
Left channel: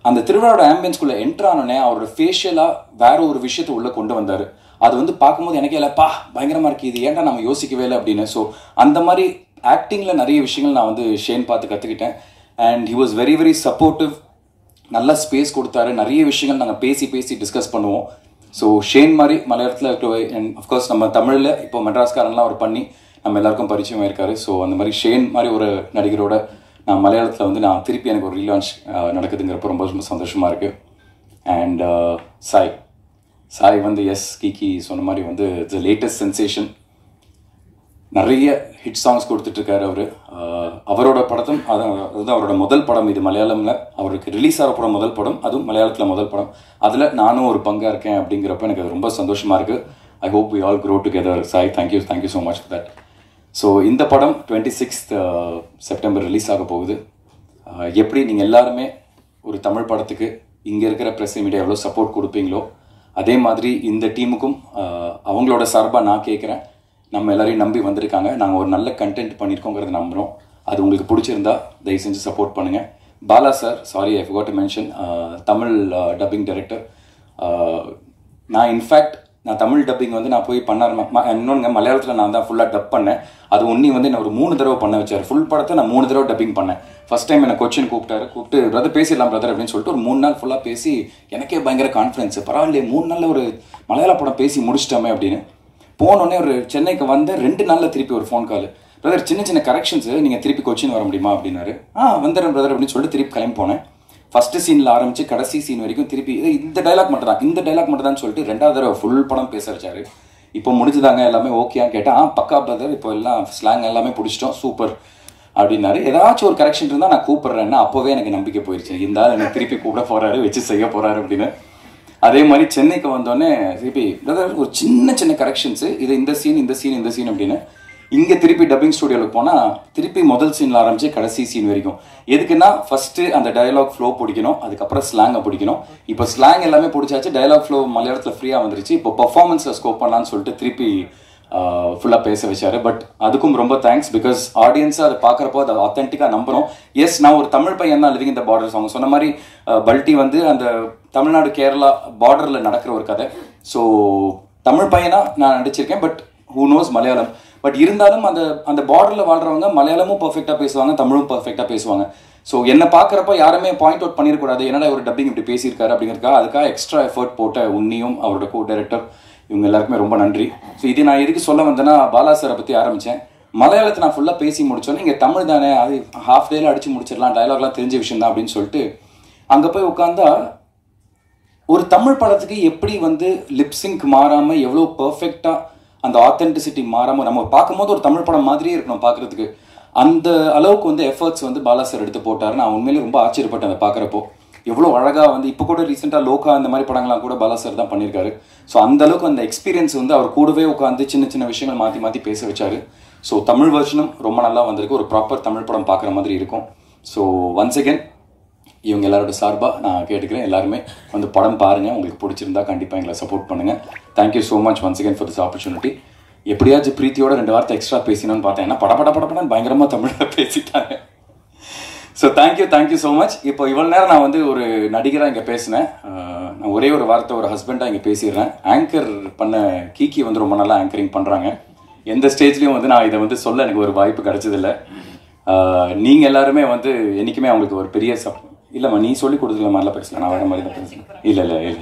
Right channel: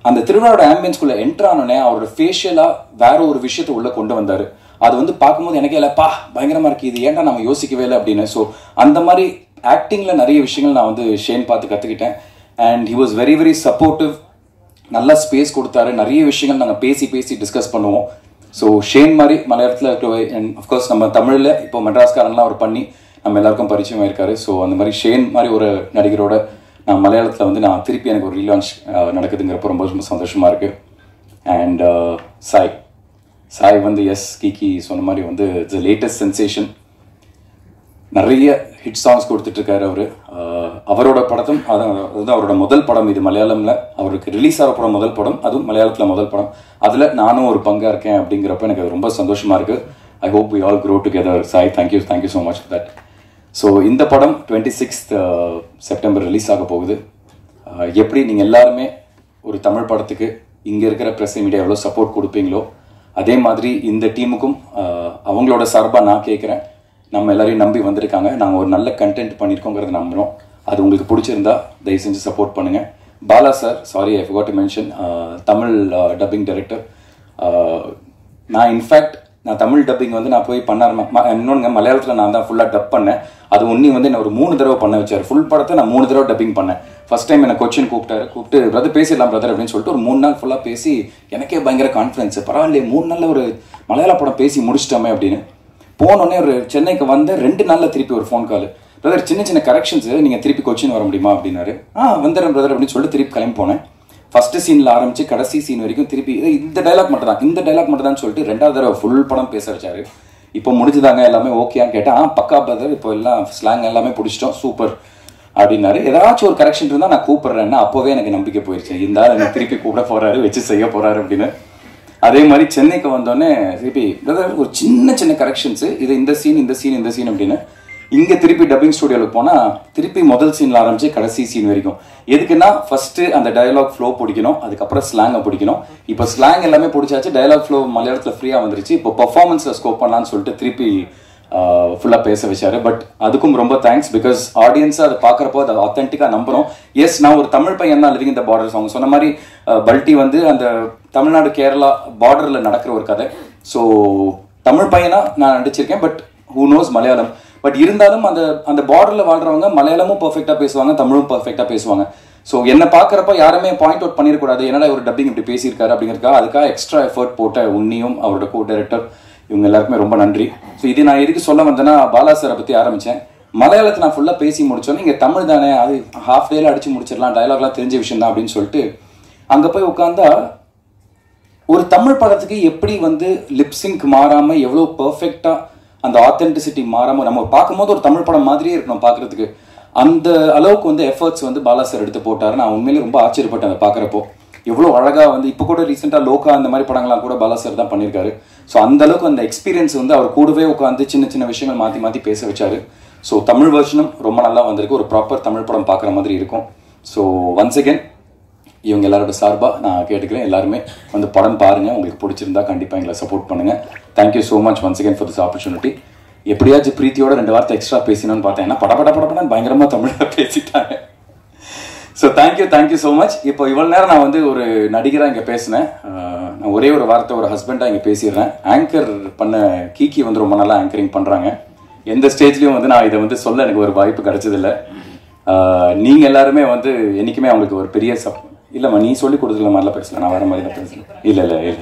அந்த திருவிழாவோட ஆம்பியன்ஸ்குள்ளே என்டர் ஆனோடனே அவரோட ஃபேஷியலாக வேற ஒரு விஷயத்தை உள்ளே கொண்டு வந்தார். அது வந்து பார்க்கும்போது எனக்கே இல்லைப்பா பயங்கரமாக இருக்குது, இது ஏன்டா நம்ம யோசிக்கவே இல்லை அப்படின்னு. ஸோ அந்த மாதிரி ஆக்டிங்கில் நிறைய விஷயங்கள் நான் வந்து ஷேன் பார்த்து கற்றுக்கிட்டேன். And he was very very supportive, நல்லா ஸ்பேஸ் கொடுத்தாரு. நிறைய விஷயங்கள் நாங்கள் பேசி டிஸ்கஸ் பண்ணுவோம். ஸோ ஷேன் மாதிரி மலையாளத்தில் அண்ட் அஃப்கோர்ஸ் நம்ம தமிழில் இப்போ மெட்ராஸ்காரன்லாம் அவர் பண்ணி நம்ம எல்லாருக்கும் பரிச்சயமாக இருக்காரு. ஸோ அந்த மாதிரி ஷேன் மாதிரி ஒரு நடிகரோட நான் மலையாளத்தில் வந்து நான் திருப்பி எனக்கு ஒரு ரீலான்ச் நடக்குதுங்கிறப்ப ரொம்ப ரொம்ப சந்தோஷமாக இருக்குது. அண்ட் சாய் வந்து எஸ் கிகி சொன்ன மாதிரி வந்து இட்ஸ் த லேட்டஸ்ட் சென்சேஷன். நிறைய ஹிட் சாங்ஸ் கொடுத்துட்ருக்காரு அவர். அவரோட படத்தும் அதுதான் அவரோட முதல் படம். இது மலையாளமில் அவருக்கு ரிலீஸ் ஆகிற படம் முதல் படம், அதுவும் மலையாளத்தில் முதல் படம். அதில் நானும் ஒரு பங்காக இருக்கேன் அப்படிங்கிறப்ப எனக்கு ரொம்ப சந்தோஷமாக இருக்குது. I hope we all grow together. Sai thank you so much for that. So இந்த படம் 26th செப்டம்பர் ரிலீஸ் ஆக போகுது. எப்படி நீங்கள் எல்லாருமே ஒரு தமிழ் படத்துக்கு இங்கே இருக்கிற ப்ரெஸ் மீடியா எவ்வளோ சப்போர்ட் கொடுப்பீங்களோ அதே மாதிரி இந்த டீமுக்கும் அவங்களோட சார்பாக நான் கேட்குறேன். நம்ம எல்லாரையும் நம்பி வந்திருக்காங்க, நாங்கள் ஒரு நல்ல கண்டென்ட் பண்ணியிருக்கோங்கிறது நம்புகிறோம். அது உங்களுக்கு பிடிச்சிருந்தா தயவு செஞ்சு சப்போர்ட் பண்ணுங்கள். Bala sir, sorry I forgot to mention, Tamil dubbing director. நான் இன்ஃபேக்ட் தமிழ் டப்பிங் வந்து நான் போய் இன்னொன்று மலையாளத்தில் நான் தான் ஃபுல்லாக டப் பண்ணேன். அது ஒன்றி வந்து என்ன ஒரு 3 தடவை பண்ண வச்சார். ஃபுல் படத்தை நான் 3 தடவை டப்பிங் பண்ணேன். ஃபர்ஸ்ட் டைம் என்னை கொச்சின் கூப்பிட்டு பிரதர் பேசிடலாம் பிரதர் அப்படின்னு சொல்லிட்டு ஒரு 3 நாள் ஃபுல்லாக பேசி எனக்கே பயங்கர கான்ஃபிடன்ஸ். பரவாயில்லையே 3 நாளில் ஒரு மலையாள படம் பேசி முடிச்சிட்டோமே அப்படின்னு. போனோடனே ஒரு சென்னைக்கு வந்த 2 நாளில் திருப்பி ஒரு ஃபோன் கால், பிரதர் சின்ன கரெக்ஷன்ஸ் நீங்கள் திருப்பி கொச்சின் வர முடியுமா அப்படின்னாரு. வந்துடுறேன் பிரதர் அப்படின்னு சொல்லிட்டு திருப்பி கிளம்பி போனேன். ஃபர்ஸ்ட் சீனில் ஆரம்பிச்சு கடைசி சீன் வரைக்கும் திருப்பி இந்த டைலாக் மட்டும் தான் சொல்லிட்டு 2வது தடவை ஃபுல் படம் பேச வச்சாரு. இப்போ முடிஞ்சுதாங்க எல்லாமே ஓகேன்னு கேட்டேன். பக்கா பிரதர் இப்போ எல்லாம் ஸ்லாங் எல்லாமே பிடிச்சிட்டோம் சூப்பர் அப்படின்னாரு. ஏதாச்சும் ஒரு கரெக்ஷன் இருந்தால் நான் கூப்பிட்றேன்னா அப்போவே எனக்கு நம்பிக்கை போயிடுச்சு, இந்த ஆள் எனக்கு திருப்பி கூப்பிட போறாரு, வச்சு செய்ய போறாரு அப்படின்னு. அதே மாதிரி சென்னைக்கு வந்தோடனே திருப்பி பிரதர் ஒரு சின்ன கரெக்ஷன்ஸு, இது இந்த சீன் அப்படின்னு. இங்கே திருப்பி டப்பிங் ஸ்டுடியோவில் போனால் திருப்பி முதல் சீனில் ஆரம்பிச்சு கடைசி சீன் வரைக்கும். எதுக்குன்னா ஃபர்ஸ்ட்டு அந்த டயலாக் ஃப்ளோ பிடிக்கணும், அதுக்கப்புறம் ஸ்லாங்கை பிடிக்கணும். இப்போ ஸ்லாங் எல்லாமே பிடிச்சாச்சு, டயலாக் ஃப்ளோ மலையாளத்தில் ஃப்ரீயாக வந்துருச்சு. இப்போ பர்ஃபார்மன்ஸில் ஸ்கோப் பண்ணலான்னு சொல்லிட்டு திருப்பி ஃபுல்லாக பேச வச்சாரு. பட் அதுக்கும் ரொம்ப தேங்க்ஸ், பிகாஸ் ஆடியன்ஸாக அதை பார்க்குறப்போ அதை ஆத்தென்டிக்காக நம்புகிறோம். எஸ், நான் ஒரு தமிழ் பையன் தான் லிவிங் இந்த பார்டர் சாங் சொன்ன மாதிரி. பல்ட்டி வந்து அந்த தமிழ்நாடு கேரளா பார்டரில் நடக்கிற ஒரு கதை. ஸோ தமிழ் பையனாக நான் நடிச்சிருக்கேன், but who knows Malayalam. But இருந்தாலும் அந்த அந்த பார்டரில் வாழ்கிறவங்க மலையாளமும் பர்ஃபெக்டாக பேசுவாங்க, தமிழும் பர்ஃபெக்டாக பேசுவாங்க. ஸோ என்னை பார்க்குறப்ப யாருமே பாயிண்ட் அவுட் பண்ணிடக்கூடாது, என்னடா ஒரு டப்பிங் இப்படி பேசியிருக்காரு அப்படிங்கிறதுக்காக அதுக்காக எக்ஸ்ட்ரா எஃபர்ட் போட்ட உன்னியும் அவரோட கோ டைரக்டர் இவங்க எல்லாருக்குமே ரொம்ப நன்றி. ஸோ இது நான் எதுக்கு சொல்ல வந்தேன்னா, பாலா சாரை பற்றி ஆரம்பித்தேன். மலையாளத்தை நான் ஃபுல்லாக பேசி முடிச்சோன்னே இங்கே தமிழ் தானே, அது ஹாஃப் டேல அடிச்சு முடிச்சிடலாம், டயலாக்லாம் தெரிஞ்ச விஷயம் தான் அப்படின்னு சொல்லிட்டு அங்கே போய் உட்காந்தா ஒரு தமிழ் படத்துக்கு எப்படி வந்து லிப்சிங்க் மாறாமல் எவ்வளோ பர்ஃபெக்டாக அந்த ஆத்தென்டிசிட்டி மாறாமல் நம்ம பார்க்கும்போது ஒரு தமிழ் படம் மாதிரியே இருக்கணும் பார்க்குறதுக்கு, அந்த அளவுக்கு வந்து எஃபர்ட்ஸ் வந்து பாலா சார் எடுத்து போட்டார். நான் உண்மையிலேயே ரொம்ப ஆச்சரியப்பட்டேன் அதை பார்க்குறப்போ. எவ்வளோ அழகாக வந்து இப்போ கூட ரீசெண்டாக லோகா அந்த மாதிரி படங்கள்லாம் கூட பாலா சார் தான் பண்ணியிருக்காரு. ஸோ அந்த அளவுக்கு அந்த எக்ஸ்பீரியன்ஸ் வந்து அவர் கூடவே உட்காந்து சின்ன சின்ன விஷயங்கள் மாற்றி மாற்றி பேச வச்சாரு. ஸோ தமிழ் வெர்ஷனும் ரொம்ப நல்லா வந்திருக்கு, ஒரு ப்ராப்பர் தமிழ் படம் பார்க்குற மாதிரி இருக்கும். ஸோ ஒன்ஸ் அகேன் இவங்க எல்லாரோட சார்பாக நான் கேட்டுக்கிறேன், எல்லாருமே வந்து படம் பாருங்கள், உங்களுக்கு பிடிச்சிருந்தா கண்டிப்பாக எங்களை சப்போர்ட் பண்ணுங்கள். Thank you so much once again for this opportunity. எப்படியாச்சும் பிரீத்தியோட 2 வார்த்தை எக்ஸ்ட்ரா பேசினோன்னு பார்த்தேன், ஏன்னா படப்படன்னு பயங்கரமாக தமிழில் பேசிட்டாங்க. So thank you so much. இப்போ இவ்வளோ நேரம் நான் வந்து ஒரு நடிகராக இங்கே பேசினேன், நான் ஒரே ஒரு வார்த்தை ஒரு ஹஸ்பண்டாக இங்கே பேசிடுறேன். ஆங்கர் பண்ண கீக்கி வந்து ரொம்ப நல்லா ஆங்கரிங் பண்ணுறாங்க. எந்த ஸ்டேஜ்லேயும் வந்து நான் இதை வந்து சொல்ல எனக்கு ஒரு வாய்ப்பு கிடைச்சதில்லை. நீங்கள் எல்லாருமே வந்து என்றைக்குமே அவங்களுக்கு ஒரு பெரிய இல்லைம்மா, நீ சொல்லி கொடுத்துருக்க மாதிரிலாம் பேசலாம், நான் வேறு மாதிரி தான் பேசுகிறேன். இல்லை.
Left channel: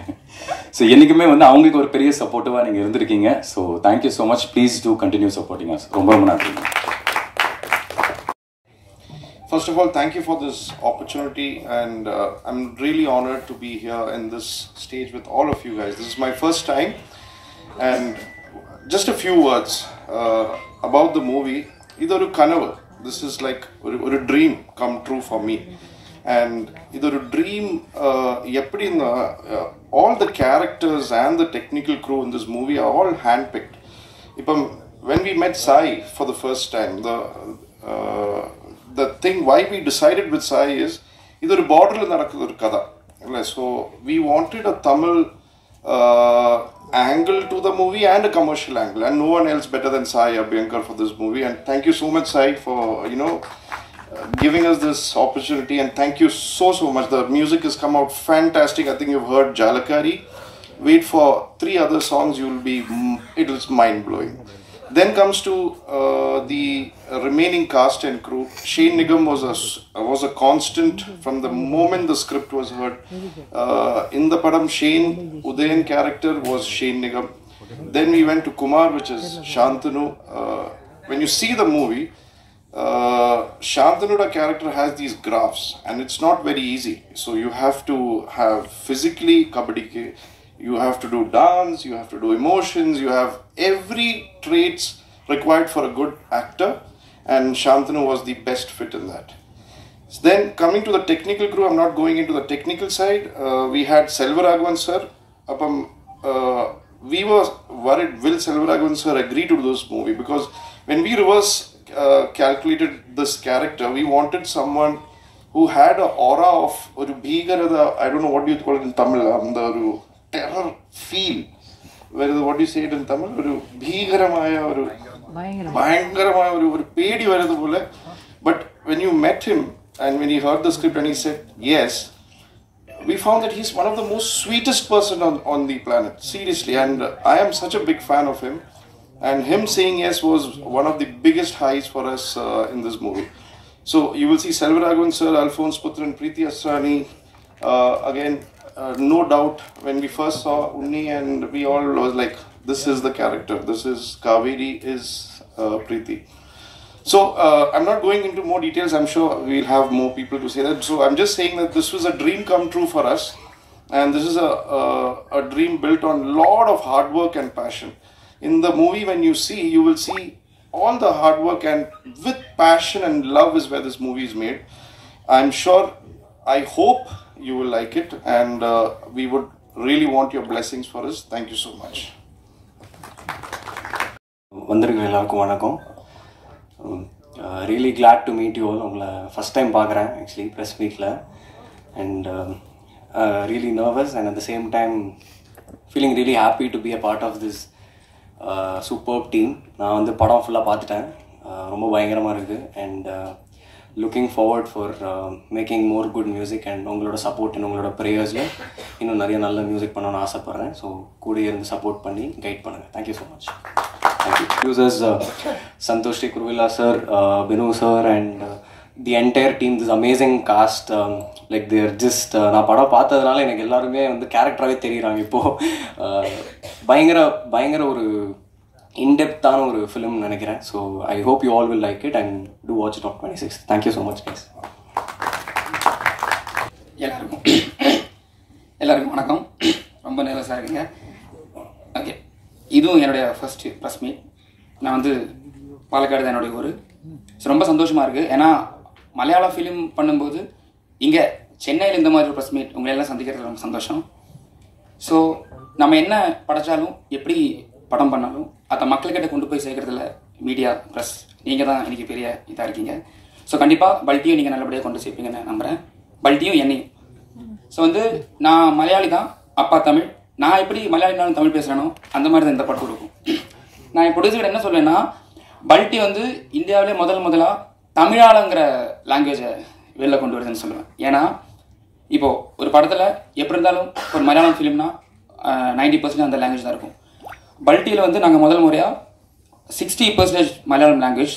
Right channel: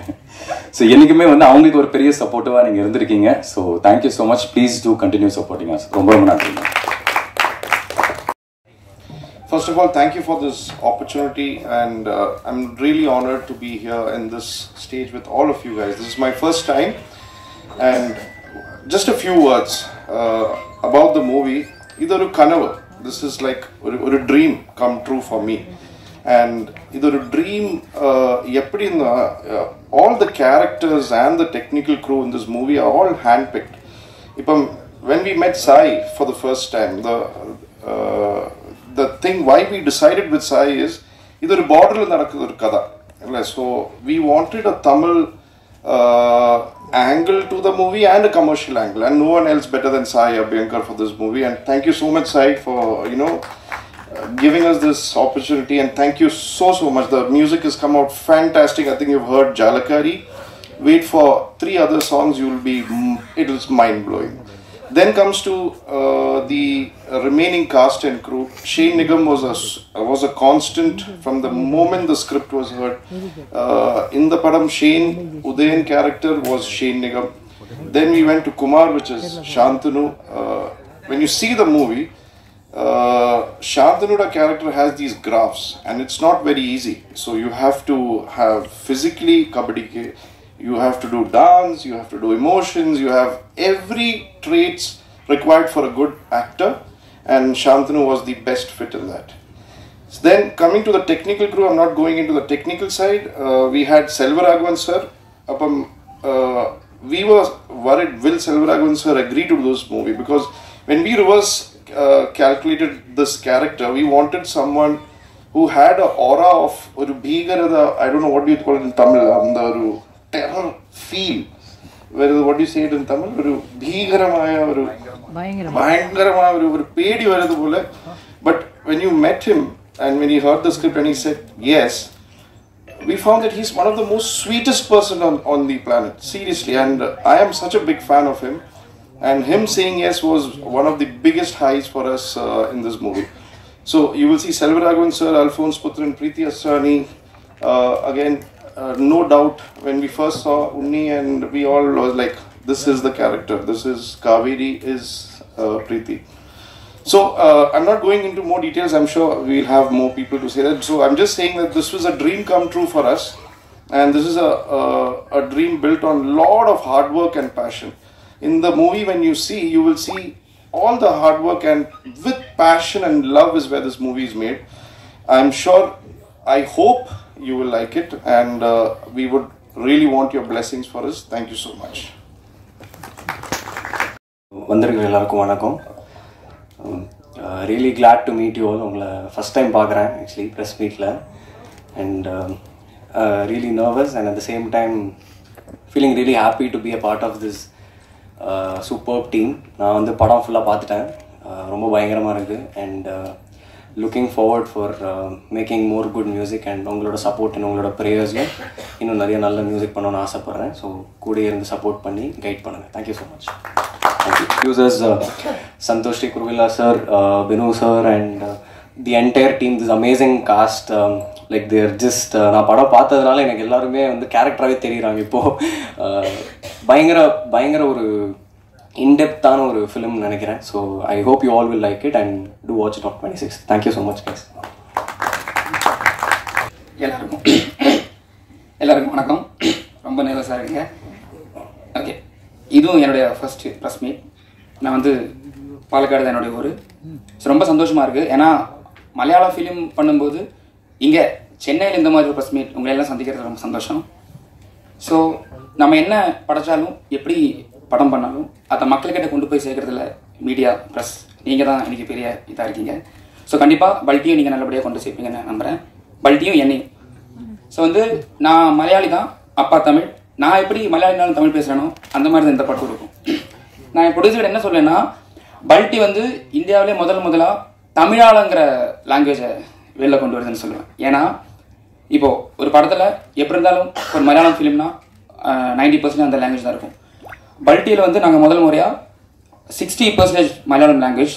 ஸோ என்றைக்குமே வந்து அவங்களுக்கு ஒரு பெரிய சப்போர்ட்டிவாக நீங்கள் இருந்திருக்கீங்க. So thank you so much. Please do continue supporting us. ரொம்ப நன்றி. First of all, thank you for this opportunity, and I'm really honored to be here in this stage with all of you guys. This is my first time, and just a few words about the movie. Idoru Kanavu. This is like a dream come true for me, and idoru dream. All the characters and the technical crew in this movie are all handpicked. When we met Sai for the first time, the thing why we decided with Sai is idu oru border la nadakudhu oru kada, so we wanted a Tamil angle to the movie and a commercial angle, and no one else better than Sai Abhyankar for this movie. And thank you so much, Sai, for giving us this opportunity, and thank you so much. The music has come out fantastic. I think you've heard Jalakari. Wait for 3 other songs, it is mind blowing. Then comes to the remaining cast and crew. Shane Nigam was a constant from the moment the script was heard. In the padam, Shane Udayan character was Shane Nigam. Then we went to Kumar, which is Shantanu. When you see the movie, Shantanu's character has these graphs, and it's not very easy. So you have to have physically kabaddi. You have to do dance, you have to do emotions, you have every traits required for a good actor, and Shantanu was the best fit in that. So then coming to the technical crew, I'm not going into the technical side. We had Selvaraghavan sir. We were worried, will Selvaraghavan sir agree to do this movie? Because when we reverse calculated this character, we wanted someone who had an aura of oru bheegarada, I don't know what do you call it in Tamil, terror feel. What do you say it in Tamil? Oru bheegaramaya, oru bayangaramaya, oru pedi varadhu pole. But when you met him and when he heard the script and he said yes, we found that he's one of the most sweetest person on the planet, seriously. And I am such a big fan of him, and him saying yes was one of the biggest highs for us in this movie. So you will see Selvaraghavan sir, Alphonse Putran, Preeti Asrani. Again, no doubt, when we first saw Unni, and we all was like, this is the character, this is Kaveri, is Preeti. So I'm not going into more details, I'm sure we'll have more people to say that. So I'm just saying that this was a dream come true for us, and this is a dream built on a lot of hard work and passion. In the movie, when you see, you will see all the hard work, and with passion and love is where this movie is made. I'm sure, I hope you will like it, and we would really want your blessings for us. Thank you so much. வந்திருக்க எல்லாருக்கும் வணக்கம். Really glad to meet you all. உங்களை first time பார்க்குறேன் actually press மீட்டில், and really nervous, and at the same time feeling really happy to be a part of this super team. நான் வந்து படம் ஃபுல்லாக பார்த்துட்டேன், ரொம்ப பயங்கரமாக இருக்குது. And looking forward for making more good music and உங்களோட சப்போர்ட் அண்ட் உங்களோட ப்ரேயர்ஸில் இன்னும் நிறைய நல்ல மியூசிக் பண்ணணும்னு ஆசைப்பட்றேன். ஸோ கூட இருந்து சப்போர்ட் பண்ணி கைட் பண்ணுங்கள். Thank you so much. Thank you. Users Santhosh T Kuruvilla sir, Binu sir and the entire team, this amazing cast. Like there just நான் படம் பார்த்ததுனால எனக்கு எல்லாருமே வந்து கேரக்டராகவே தெரியுறாங்க இப்போது. பயங்கர ஒரு இன்டெப்த்தான ஒரு ஃபிலிம் நினைக்கிறேன். So I hope you all will like it and to watch it on 26th. Thank you so much guys. எல்லாருக்கும் வணக்கம். ரொம்ப நர்வஸாக இருக்குங்க. ஓகே, இதுவும் என்னுடைய ஃபர்ஸ்ட் ப்ரெஸ் மீட். நான் வந்து பாலக்காடு தான் என்னுடைய ஊர். ஸோ ரொம்ப சந்தோஷமாக இருக்குது. ஏன்னா மலையாள ஃபிலிம் பண்ணும்போது இங்கே சென்னையில் இந்த மாதிரி ஒரு ப்ரெஸ் மீட் உங்களெல்லாம் சந்திக்கிறது ரொம்ப சந்தோஷம். ஸோ நம்ம என்ன படைச்சாலும் எப்படி படம் பண்ணாலும் அதை மக்கள்கிட்ட கொண்டு போய் சேர்க்கறதுல மீடியா ப்ளஸ் நீங்கள் தான் இன்றைக்கி பெரிய இதாக இருக்கீங்க. ஸோ கண்டிப்பாக பல்ட்டியும் நீங்கள் நல்லபடியாக கொண்டு சேர்ப்பீங்கன்னு நம்புகிறேன். பல்ட்டியும் என்னையும். ஸோ வந்து நான் மலையாளி தான், அப்பா தமிழ். நான் எப்படி மலையாளினாலும் தமிழ் பேசுகிறேனோ அந்த மாதிரி தான் இந்த படம் இருக்கும். நான் என் ப்ரொடியூசர் என்ன சொல்லேன்னா, பல்ட்டி வந்து இந்தியாவிலே முதலாக தமிழாளங்கிற லாங்குவேஜை வெளில கொண்டு வருதுன்னு சொல்லுவேன். ஏன்னா இப்போது ஒரு படத்தில் எப்படி இருந்தாலும் ஒரு மலையாளம் ஃபிலிம்னா 90% அந்த லாங்குவேஜ் தான் இருக்கும். பல்ட்டியில் வந்து நாங்கள் முதல் முறையாக 60% மலையாளம் லாங்குவேஜ்,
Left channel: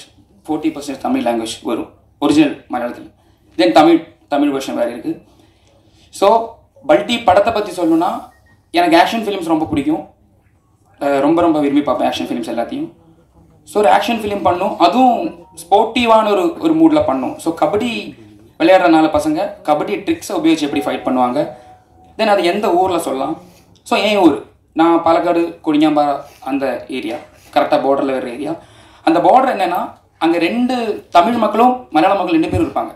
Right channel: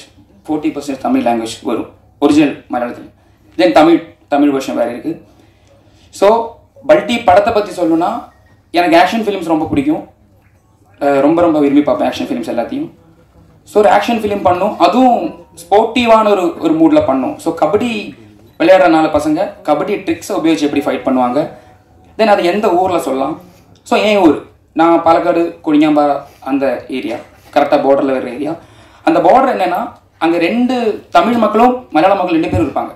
40% தமிழ் லாங்குவேஜ் வரும் ஒரிஜினல் மலையாளத்தில். தென் தமிழ் வெர்ஷன் வேறு இருக்குது. ஸோ பல்ட்டி படத்தை பற்றி சொல்லணும்னா, எனக்கு ஆக்ஷன் ஃபிலிம்ஸ் ரொம்ப பிடிக்கும். ரொம்ப விரும்பி பார்ப்பேன் ஆக்ஷன் ஃபிலிம்ஸ் எல்லாத்தையும். ஸோ ஒரு ஆக்ஷன் ஃபிலிம் பண்ணும், அதுவும் ஸ்போர்ட்டிவான ஒரு மூடில் பண்ணும். ஸோ கபடி விளையாடுற 4 பசங்க கபடி ட்ரிக்ஸை உபயோகிச்சு எப்படி ஃபைட் பண்ணுவாங்க, தென் அது எந்த ஊரில் சொல்லலாம். ஸோ என் ஊர், நான் பாலக்காடு கொடிஞாம்பாறை அந்த ஏரியா, கரெக்டாக பார்டரில் இருக்கிற ஏரியா. அந்த பார்டர் என்னென்னா, அங்கே 2 தமிழ் மக்களும் மலையாள மக்கள் 2 பேரும் இருப்பாங்க.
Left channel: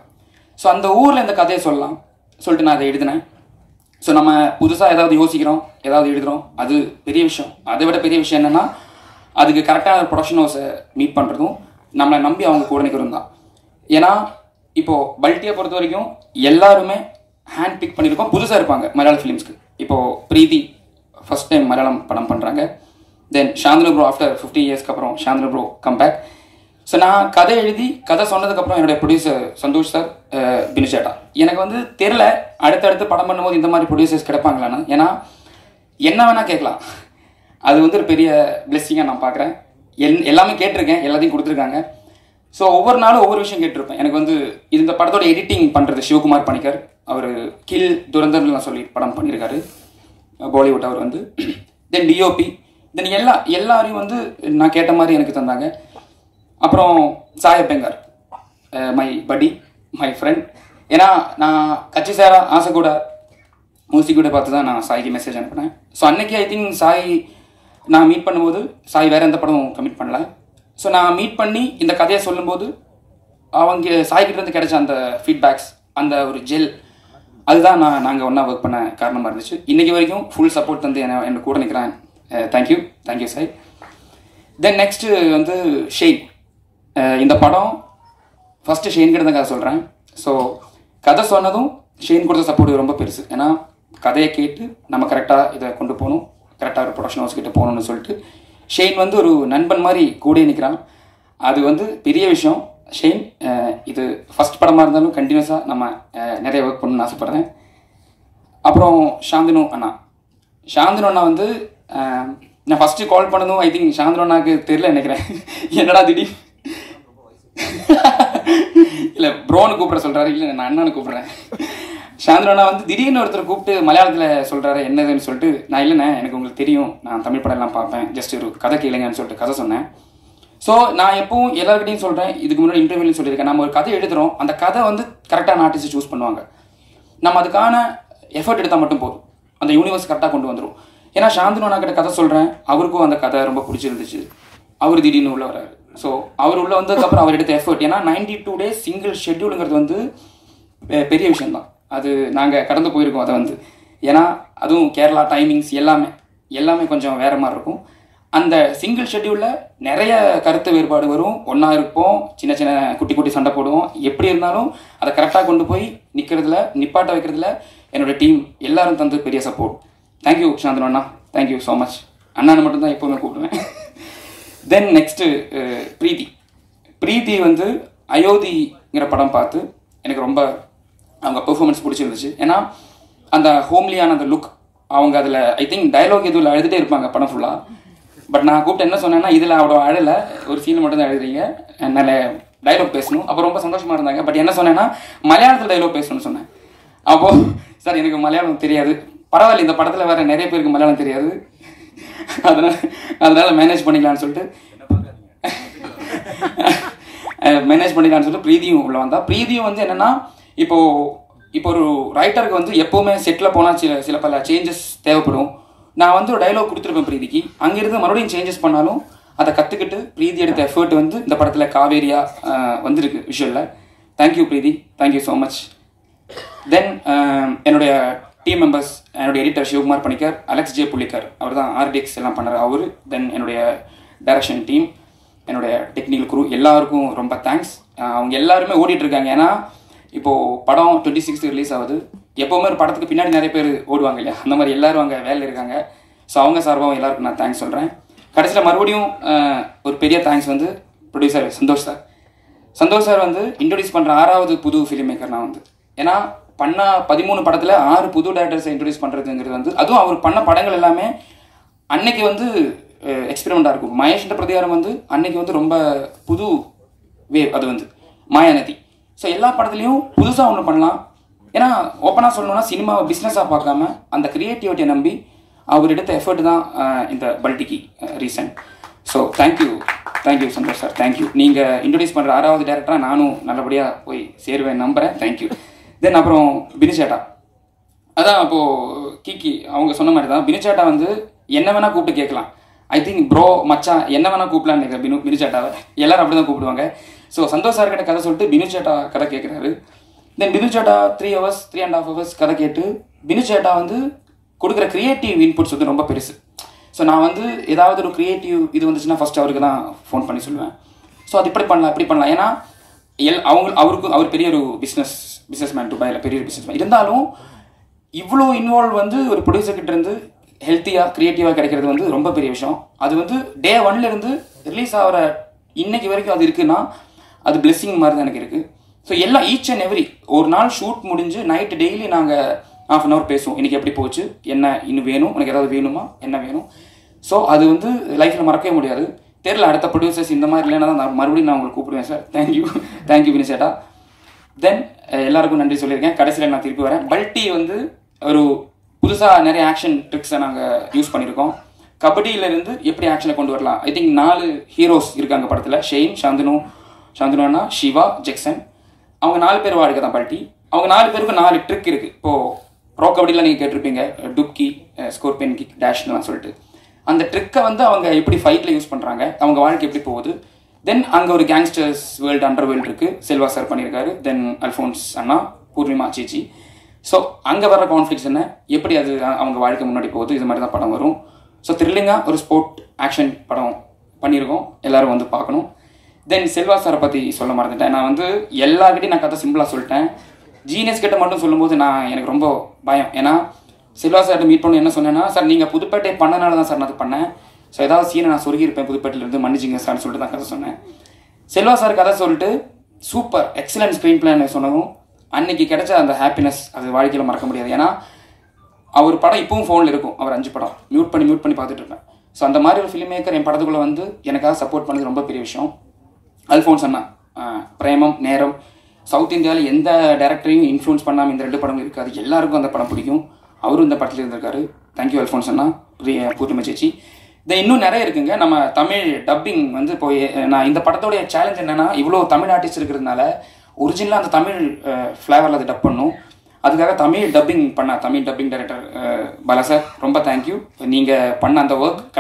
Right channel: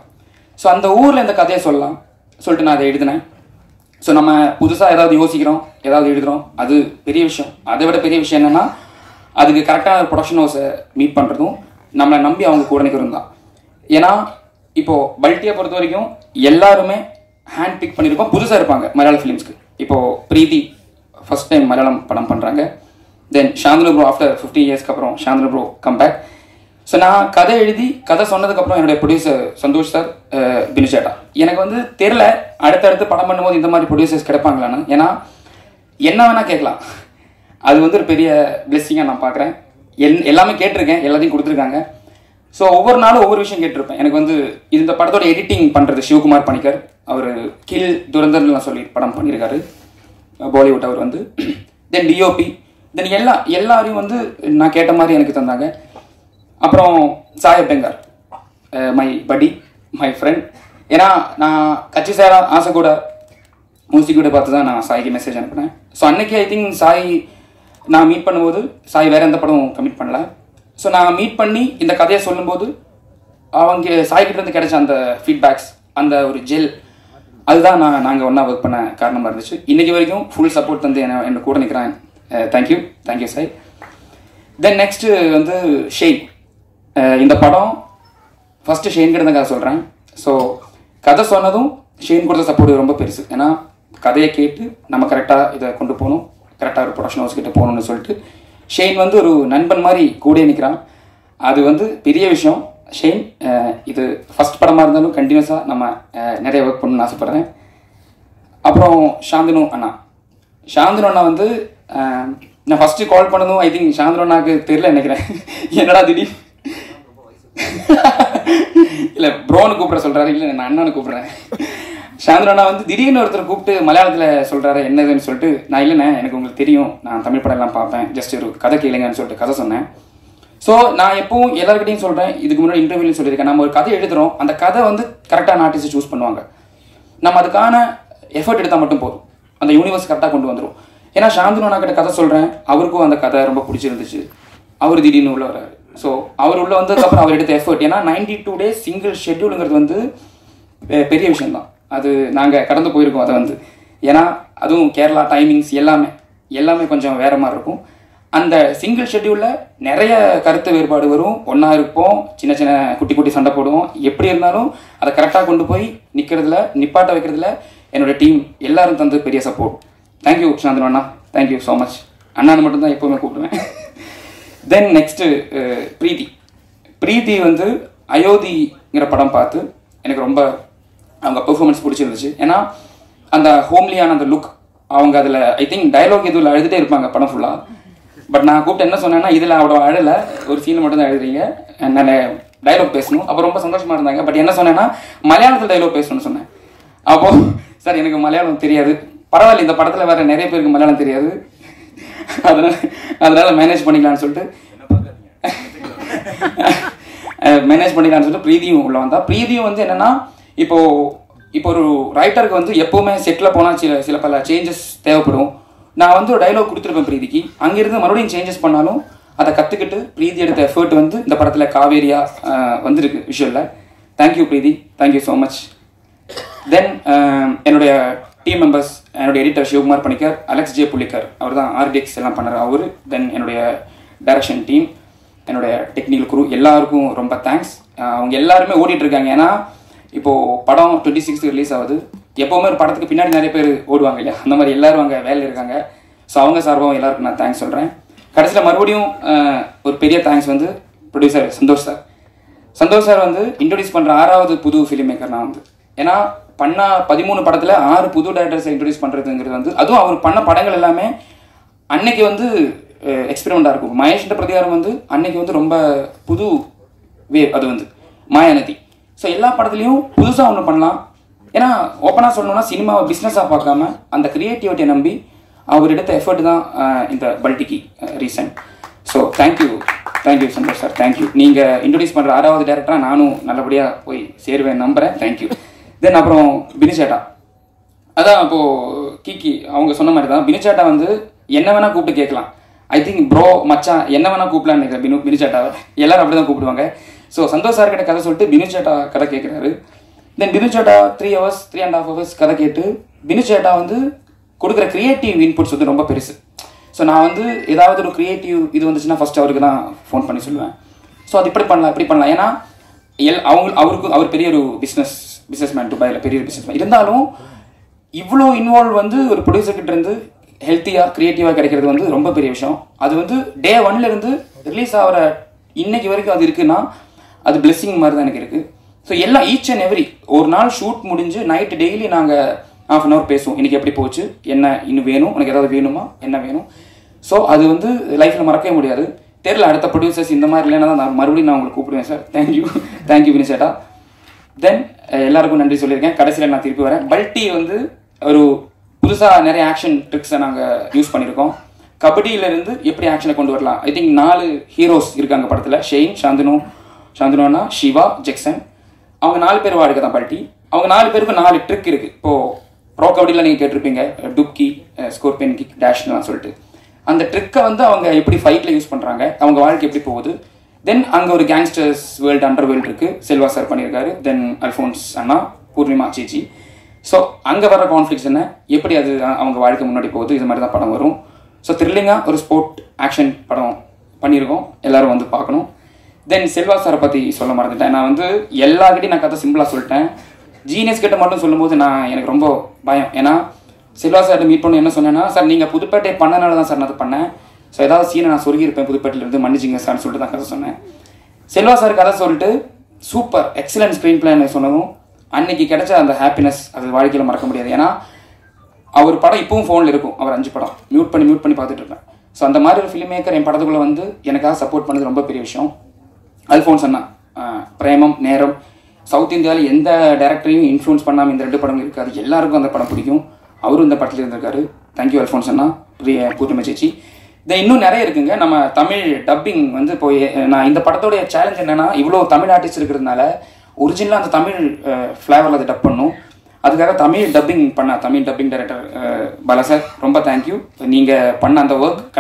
ஸோ அந்த ஊரில் இந்த கதையை சொல்லலாம் சொல்லிட்டு நான் அதை எழுதினேன். ஸோ நம்ம புதுசாக ஏதாவது யோசிக்கிறோம், ஏதாவது எழுதுகிறோம், அது பெரிய விஷயம். அதை விட பெரிய விஷயம் என்னென்னா, அதுக்கு கரெக்டான ப்ரொடக்ஷன் ஹவுஸை மீட் பண்ணுறதும் நம்மளை நம்பி அவங்க கூட நிற்கிறதும் தான். ஏன்னா இப்போது பல்ட்டியை பொறுத்த வரைக்கும் எல்லாருமே ஹேண்ட் பிக் பண்ணியிருக்கோம், புதுசாக இருப்பாங்க மலையாள ஃபிலிம்ஸ்க்கு. இப்போது பிரீத்தி ஃபர்ஸ்ட் டைம் மலையாளம் படம் பண்ணுறாங்க. தென் சாந்தனு ப்ரோ ஆஃப்டர் 50 இயர்ஸ்க்கு அப்புறம் சாந்தனு ப்ரோ கம்பேக். ஸோ நான் கதை சொன்னதுக்கப்புறம் என்னுடைய ப்ரொடியூசர் சந்தோஷ் சார், பினு சேட்டா, எனக்கு வந்து தெரில அடுத்தடுத்து படம் பண்ணும்போது இந்த மாதிரி ப்ரொடியூசர்ஸ் கிடைப்பாங்களான்னு. ஏன்னா என்ன வேணால் கேட்கலாம், அது வந்து ஒரு பெரிய பிளெஸிங்காக நான் பார்க்குறேன். எல்லாமே கேட்டிருக்கேன், எல்லாத்தையும் கொடுத்துருக்காங்க. ஸோ ஒவ்வொரு நாளும் ஒவ்வொரு விஷயம் கேட்டிருப்பேன். எனக்கு வந்து இந்த படத்தோட எடிட்டிங் பண்ணுறது சிவகுமார் பணிக்கர், அவர் கில் துரந்தர்லாம் சொல்லி படம் பண்ணியிருக்காரு, பாலிவுட் அவர் வந்து. தென் டிஓபி, தென் எல்லாரையும் வந்து நான் கேட்ட மாதிரி எனக்கு தந்தாங்க. அப்புறம் சாயப் பெங்கார், மை படி, மை ஃப்ரெண்ட். ஏன்னா நான் கட்சி சேரா ஆசை கூட மியூசிக் கூட பார்த்து தான் நான் சாய்க்கு மெசேஜ் அனுப்புனேன். ஸோ அன்னைக்கு ஐ திங்க் சாய் நான் மீட் பண்ணும்போது சாய் வேறு எந்த படம் கமிட் பண்ணல. ஸோ நான் மீட் பண்ணி இந்த கதையை சொல்லும்போது அவங்க சாய்கிட்ட இருந்து கிடைச்ச அந்த ஃபீட்பேக்ஸ், அந்த ஒரு ஜெல், அதுதான் நாங்கள் ஒன்றா ஒர்க் பண்ண காரணமாக இருந்துச்சு. இன்றைக்கி வரைக்கும் ஃபுல் சப்போர்ட் வந்து என்னை கூட நிற்கிறேன். தேங்க்யூ சாய். தென் நெக்ஸ்ட்டு வந்து ஷெயின். இந்த படம் ஃபஸ்ட்டு ஷெயின் கிட்ட தான் கதை சொல்கிறேன். ஸோ கதை சொன்னதும் ஷெயின் கொடுத்த சப்போர்ட் ரொம்ப பெருசு. ஏன்னா கதையை கேட்டு நம்ம கரெக்டாக இதை கொண்டு போகணும், கரெக்டாக ஒரு ப்ரொடக்ஷன் ஹவுஸ் கிட்ட போகணும்னு சொல்லிட்டு ஷெயின் வந்து ஒரு நண்பன் மாதிரி கூட நிற்கிறான். அது வந்து பெரிய விஷயம். ஷெயின், இது ஃபஸ்ட் படமாக இருந்தாலும் கண்டினியூஸாக நம்ம நிறைய ஒர்க் பண்ணணும்னு ஆசைப்பட்றேன். அப்புறம் சாந்தனு அண்ணா வந்து நான் ஃபஸ்ட்டு கால் பண்ணதும் ஐ திங்க் சாந்தனு அண்ணாவுக்கு தெரியல நினைக்கிறேன். என்னடா திடீர் இல்லை ப்ரோன்னு கூப்பிட சொல்கிறாரு, இல்லை நான் அண்ணான்னு கூப்பிட்றேன். சாந்தனு அண்ணா வந்து திடீர்னு ஒருத்தர் கூப்பிட்டு மலையாளத்தில் சொல்கிறாரு என்னதுன்னு சொல்லிட்டு, நான் இல்லைண்ணே எனக்கு உங்களுக்கு தெரியும், நான் தமிழ் படம் எல்லாம் பார்ப்பேன், ஜஸ்ட் ஒரு கதை கேளுங்கன்னு சொல்லிட்டு கதை சொன்னேன். ஸோ நான் எப்பவும் எல்லாருக்கிட்டையும் சொல்கிறேன், இதுக்கு முன்னாடி இன்டர்வியூலையும் சொல்லியிருக்கேன், நம்ம ஒரு கதை எழுதுகிறோம், அந்த கதை வந்து கரெக்டான ஆர்டிஸ்ட் சூஸ் பண்ணுவாங்க, நம்ம அதுக்கான எஃபர்ட் எடுத்தால் மட்டும் போதும், அந்த யூனிவர்ஸ் கரெக்டாக கொண்டு வந்துடும். ஏன்னா சாந்தனு அண்ணா கிட்ட கதை சொல்கிறேன், அவருக்கும் அந்த கதை ரொம்ப பிடிச்சிருந்துச்சு, அவர் திடீர்னு உள்ள வர்றாரு. ஸோ அவர் உள்ள வந்ததுக்கப்புறம் அவர் எடுத்த எஃபர்ட், ஏன்னா 92 days சிங்கிள் ஷெட்யூலுங்கிறது வந்து பெரிய விஷயம்தான். அது நாங்கள் கடந்து போயிருக்கோம் அதை வந்து. ஏன்னா அதுவும் கேரளா டைமிங்ஸ் எல்லாமே கொஞ்சம் வேற மாதிரி இருக்கும். அந்த சிங்கிள் ஷெட்யூலில் நிறைய கருத்து வேறுபாடு வரும், ஒன்றா இருப்போம், சின்ன சின்ன குட்டி சண்டை போடுவோம். எப்படி இருந்தாலும் அதை கரெக்டாக கொண்டு போய் நிப்பாட்ட வைக்கிறதுல என்னோட டீம் எல்லாரும் தந்து பெரிய சப்போர்ட். தேங்க்யூ சாந்தனு அண்ணா, தேங்க்யூ ஸோ மச். அண்ணான்னு மட்டும்தான் எப்போவுமே கூப்பிடுவேன். தென் நெக்ஸ்ட்டு பிரீத்தி வந்து அயோத்திங்கிற படம் பார்த்து எனக்கு ரொம்ப அவங்க பெர்ஃபார்மன்ஸ் பிடிச்சிருந்துச்சு. ஏன்னா அந்த ஹோம்லியான அந்த லுக், அவங்க அதில் ஐ திங்க் டைலாக் எதுவும் அழுதுகிட்டே இருப்பாங்க படம் ஃபுல்லாக. பட் நான் கூப்பிட்டு என்ன சொன்னேன்னா, இதில் அவ்வளோ அழலை, ஒரு சீன் மட்டும் தான் எழுதுறீங்க, என்னால் டைலாக் பேசணும். அப்போ ரொம்ப சந்தோஷமாக இருந்தாங்க. பட் என்ன சொன்னேன்னா, மலையாளத்தில் டைலாக் பேசணும்னு சொன்னேன். அப்போது சார் எனக்கு மலையாளம் தெரியாது, பரவாயில்ல இந்த படத்தில் வேறு நிறைய பேருக்கு மலையாளம் தெரியாது, அதனால மேனேஜ் பண்ணிக்கலான்னு சொல்லிட்டு பிரீதியும் உள்ள வந்தா. பிரீதியும் வந்து என்னன்னா, இப்போ ஒரு ரைட்டருக்கு வந்து எப்பவுமே செட்டில் போனால் சில பல சேஞ்சஸ் தேவைப்படும். நான் வந்து ஒரு டைலாக் கொடுத்துருப்பேன் பிரீதிக்கு, அங்கிருந்து மறுபடியும் சேஞ்சஸ் பண்ணாலும் அதை கற்றுக்கிட்டு பிரீதி எடுத்த எஃபர்ட் வந்து இந்த படத்தில் காவேரியா வந்திருக்கு விஷுவலில். Thank you Preethi, thank you so much. Then என்னுடைய டீம் மெம்பர்ஸ், என்னுடைய editor Sivakumar Panicker, Alex J Pullikkar, அவர் தான் ஆர்டிஎக்ஸ் எல்லாம் பண்ணுறாரு அவர். தென் என்னுடைய டைரக்ஷன் டீம், என்னுடைய டெக்னிக்கல் குரூ, எல்லாருக்கும் ரொம்ப தேங்க்ஸ். அவங்க எல்லாருமே ஓடிட்டு இருக்காங்க. ஏன்னா இப்போது படம் 26 ரிலீஸ் ஆகுது. எப்போவுமே ஒரு படத்துக்கு பின்னாடி நிறைய பேர் ஓடுவாங்க இல்லையா, அந்த மாதிரி எல்லாரும் அங்கே வேலையில் இருக்காங்க. ஸோ அவங்க சார்பாகவும் எல்லாருக்கும் நான் தேங்க்ஸ் சொல்கிறேன். கடைசியில் மறுபடியும் ஒரு பெரிய தேங்க்ஸ் வந்து ப்ரொடியூசர் சந்தோஷ் சார் வந்து இன்ட்ரடியூஸ் பண்ணுற 6வது புது ஃபிலிம் மேக்கர் நான் வந்து. ஏன்னா பண்ண 13 படத்தில் 6 புது டேரக்டர்ஸை இன்ட்ரடியூஸ் பண்ணுறதுங்கிறது வந்து, அதுவும் அவர் பண்ண படங்கள் எல்லாமே அன்னைக்கு வந்து எக்ஸ்பெரிமெண்ட்டாக இருக்கும். மகேஷ்ன்ற பிரதிகாரம் வந்து அன்னைக்கு வந்து ரொம்ப புது வேவ், அது வந்து மாயாநதி. ஸோ எல்லா படத்துலையும் புதுசாக ஒன்று பண்ணலாம். ஏன்னா ஓப்பனாக சொல்லணும்னா சினிமாவை பிஸ்னஸாக பார்க்காம அந்த கிரியேட்டிவிட்டியை நம்பி அவர் எடுத்த எஃபர்ட் தான் இந்த பல்டிக்கு reason. So thank you Santhosh sir, thank you. நீங்கள் இன்ட்ரடியூஸ் பண்ணுற 6வது டேரக்டராக நானும் நல்லபடியாக போய் சேருவேன் நம்புகிறேன். தேங்க்யூ. தென் அப்புறம் பினிச்சேட்டா, அதான் அப்போது கீக்கி அவங்க சொன்ன மாதிரி தான். பினிச்சேட்டா வந்து என்ன வேணால் கூப்பிட்டு கேட்கலாம். ஐ திங்க் ப்ரோ மச்சான் என்ன வேணால் கூப்பிடலான்னு நினைக்கிறேன் பினிச்சேட்டாவை, எல்லாரும் அப்படி தான் கூப்பிடுவாங்க. ஸோ சந்தோஷ் சார் கிட்ட கதை சொல்லிட்டு பினிச்சேட்டா கதை கேட்குறாரு. தென் பினிச்சேட்டா 3 hours 3.5 hours கதை கேட்டு பினிச்சேட்டா வந்து கொடுக்குற கிரியேட்டிவ் இன்புட்ஸ் வந்து ரொம்ப பெருசு. ஸோ நான் வந்து ஏதாவது ஒரு கிரியேட்டிவ் இது வந்துச்சுன்னா ஃபர்ஸ்ட் அவருக்கு தான் ஃபோன் பண்ணி சொல்லுவேன். ஸோ அது இப்படி பண்ணலாம். ஏன்னா அவர் பெரிய ஒரு பிஸ்னஸ் மேன், துபாயில் பெரிய ஒரு பிஸ்னஸ் மேன். இருந்தாலும் இவ்வளோ இன்வால்வ் வந்து ஒரு ப்ரொடியூசர் கிட்ட இருந்து ஹெல்த்தியாக கிரியேட்டிவாக கிடைக்கிறது வந்து ரொம்ப பெரிய விஷயம். அது வந்து டே 1லேருந்து ரிலீஸ் ஆகிற இன்னைக்கு வரைக்கும் அது இருக்குன்னா அது பிளெஸிங் மாதிரி தான் எனக்கு இருக்குது. ஸோ எல்லாம் ஈச் அண்ட் எவ்ரி ஒரு நாள் ஷூட் முடிஞ்சு நைட்டு டெய்லி நாங்கள் ½ an hour பேசுவோம். இன்றைக்கி எப்படி போச்சு, என்ன இன்னும் வேணும், உனக்கு ஏதாவது வேணுமா, என்ன வேணும். ஸோ அது வந்து லைஃப்பில் மறக்கவே முடியாது. தெரியல அடுத்த ப்ரொடியூசர்ஸ் இந்த மாதிரி இல்லைன்னா தான் மறுபடியும் நான் உங்களுக்கு கூப்பிடுவேன் சார். தேங்க்யூ வினிசேட்டா. தென் எல்லாருக்கும் நன்றி சொல்லியிருக்கேன். கடைசியில் நான் திருப்பி வரேன். பல்டி வந்து ஒரு புதுசாக நிறைய ஆக்ஷன் ட்ரிக்ஸை நாங்கள் யூஸ் பண்ணியிருக்கோம். கபடியிலேருந்து எப்படி ஆக்ஷனை கொண்டு வரலாம். ஐ திங்க் 4 ஹீரோஸ் இருக்காங்க படத்தில். ஷெயின், சாந்தனோனா, சிவா, ஜெக்சன். அவங்க 4 பேர் வாழ்க்கை தான் பல்டி. அவங்க 4 பேருக்கும் 4 ட்ரிக் இருக்குது. இப்போது ப்ரோ கபடியில் நீங்கள் கேட்டிருப்பீங்க, டுப்கி, ஸ்கோர்பியன் கிக், டேஷ்லாம் சொல்லிட்டு. அந்த ட்ரிக்கை வந்து அவங்க எப்படி ஃபைட்டில் யூஸ் பண்ணுறாங்க, அவங்க வாழ்க்கை எப்படி போகுது. தென் அங்கே ஒரு கேங்ஸ்டர்ஸ் வேர்ல்டு, அண்டர் வேர்ல்டு இருக்குது, செல்வா சார் பண்ணியிருக்காரு. தென் அல்ஃபோன்ஸ் அண்ணா, பூர்ணிமா சேச்சி. ஸோ அங்கே வர கான்ஃப்ளிக்ஸ் என்ன, எப்படி அது அவங்க வாழ்க்கை முன்னாடி போகுது, இது மாதிரி தான் படம் வரும். ஸோ த்ரில்லிங்காக ஒரு ஸ்போர்ட் ஆக்ஷன் படம் பண்ணியிருக்கோம், எல்லோரும் வந்து பார்க்கணும். தென் செல்வா சாரை பற்றி சொல்ல மறந்துட்டேன். நான் வந்து எல்லார்கிட்டையும் நான் கதை சிம்பிளாக சொல்லிட்டேன். ஜீனியஸ் கிட்ட மட்டும் சொல்லும்போது எனக்கு ரொம்ப பயம். ஏன்னா செல்வா சார்கிட்ட மீட் பண்ண என்ன சொன்னேன்னா, சார் நீங்கள் புதுப்பேட்டை பண்ணனால தான் சார் நான் அது பண்ணேன். ஸோ ஏதாவது சீனை நான் சொருகியிருப்பேன் புதுப்பேட்டையிலேருந்து, மன்னிச்சிங்க சார்னு சொல்லிட்டு தான் கதை சொன்னேன். செல்வா சார் கதை சொல்லிட்டு சூப்பர் எக்ஸலன்ட் ஸ்க்ரீன் பிளான் சொன்னவும் அன்னைக்கு கிடைச்ச அந்த ஹாப்பினஸ் அது வாழ்க்கையில் மறக்க முடியாது. ஏன்னா அவர் படம் இப்பவும் ஃபோனில் இருக்கும். அவர் 5 படம் மியூட் பண்ணி பார்த்துட்டு இருப்பேன். ஸோ அந்த மாதிரி ஒரு ஃபிலிம் மேக்கர் என் படத்துக்குள்ளே வந்து எனக்காக சப்போர்ட் பண்ணது ரொம்ப பெரிய விஷயம். அல்ஃபோன்ஸ் அண்ணா, பிரேமம், நேரம், சவுத் இந்தியாவில் எந்த டேரக்டரையும் இன்ஃப்ளூன்ஸ் பண்ணாமல் இந்த 2 படம் இருக்காது. எல்லாருக்கும் அந்த படம் பிடிக்கும். அவரும் இந்த படத்தில் இருந்திருக்காரு. தேங்க்யூ அல்ஃபோன்ஸ் அண்ணா, பூர்ணிமா சேச்சி. இதை இன்னும் நிறைய இருக்குங்க. நம்ம தமிழ் டப்பிங் வந்து இப்போ நான் இந்த படத்தோடைய சேலஞ்ச் என்னன்னா, இவ்வளோ தமிழ் ஆர்டிஸ்ட் இருக்கிறதுனால ஒரிஜினலாக அந்த தமிழ் ஃப்ளேவரில் அதை டப் பண்ணும். அதுக்காக Tamil dubbing director Bala sir ரொம்ப தேங்க்யூ. நீங்கள் பண்ண அந்த ஒர்க்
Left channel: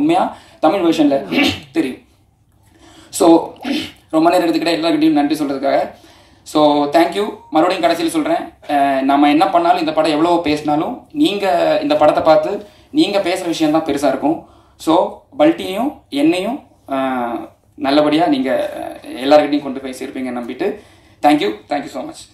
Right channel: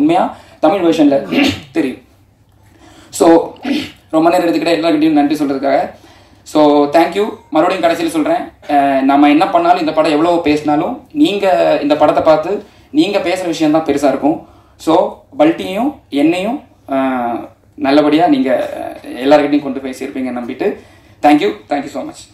உண்மையாக தமிழ் வெர்ஷனில் தெரியும். ஸோ ரொம்ப நேரம் எடுத்துக்கிட்டே எல்லாருக்கிட்டையும் நன்றி சொல்கிறதுக்காக. So thank you. மறுபடியும் கடைசியில் சொல்கிறேன், நம்ம என்ன பண்ணாலும் இந்த படம் எவ்வளோ பேசினாலும் நீங்கள் இந்த படத்தை பார்த்து நீங்கள் பேசுகிற விஷயம்தான் பெருசாக இருக்கும். ஸோ பல்ட்டியும் என்னையும் நல்லபடியாக நீங்கள் எல்லாருக்கிட்டையும் கொண்டு போய் சேர்ப்பீங்கன்னு நம்பிட்டு தேங்க்யூ ஸோ மச்.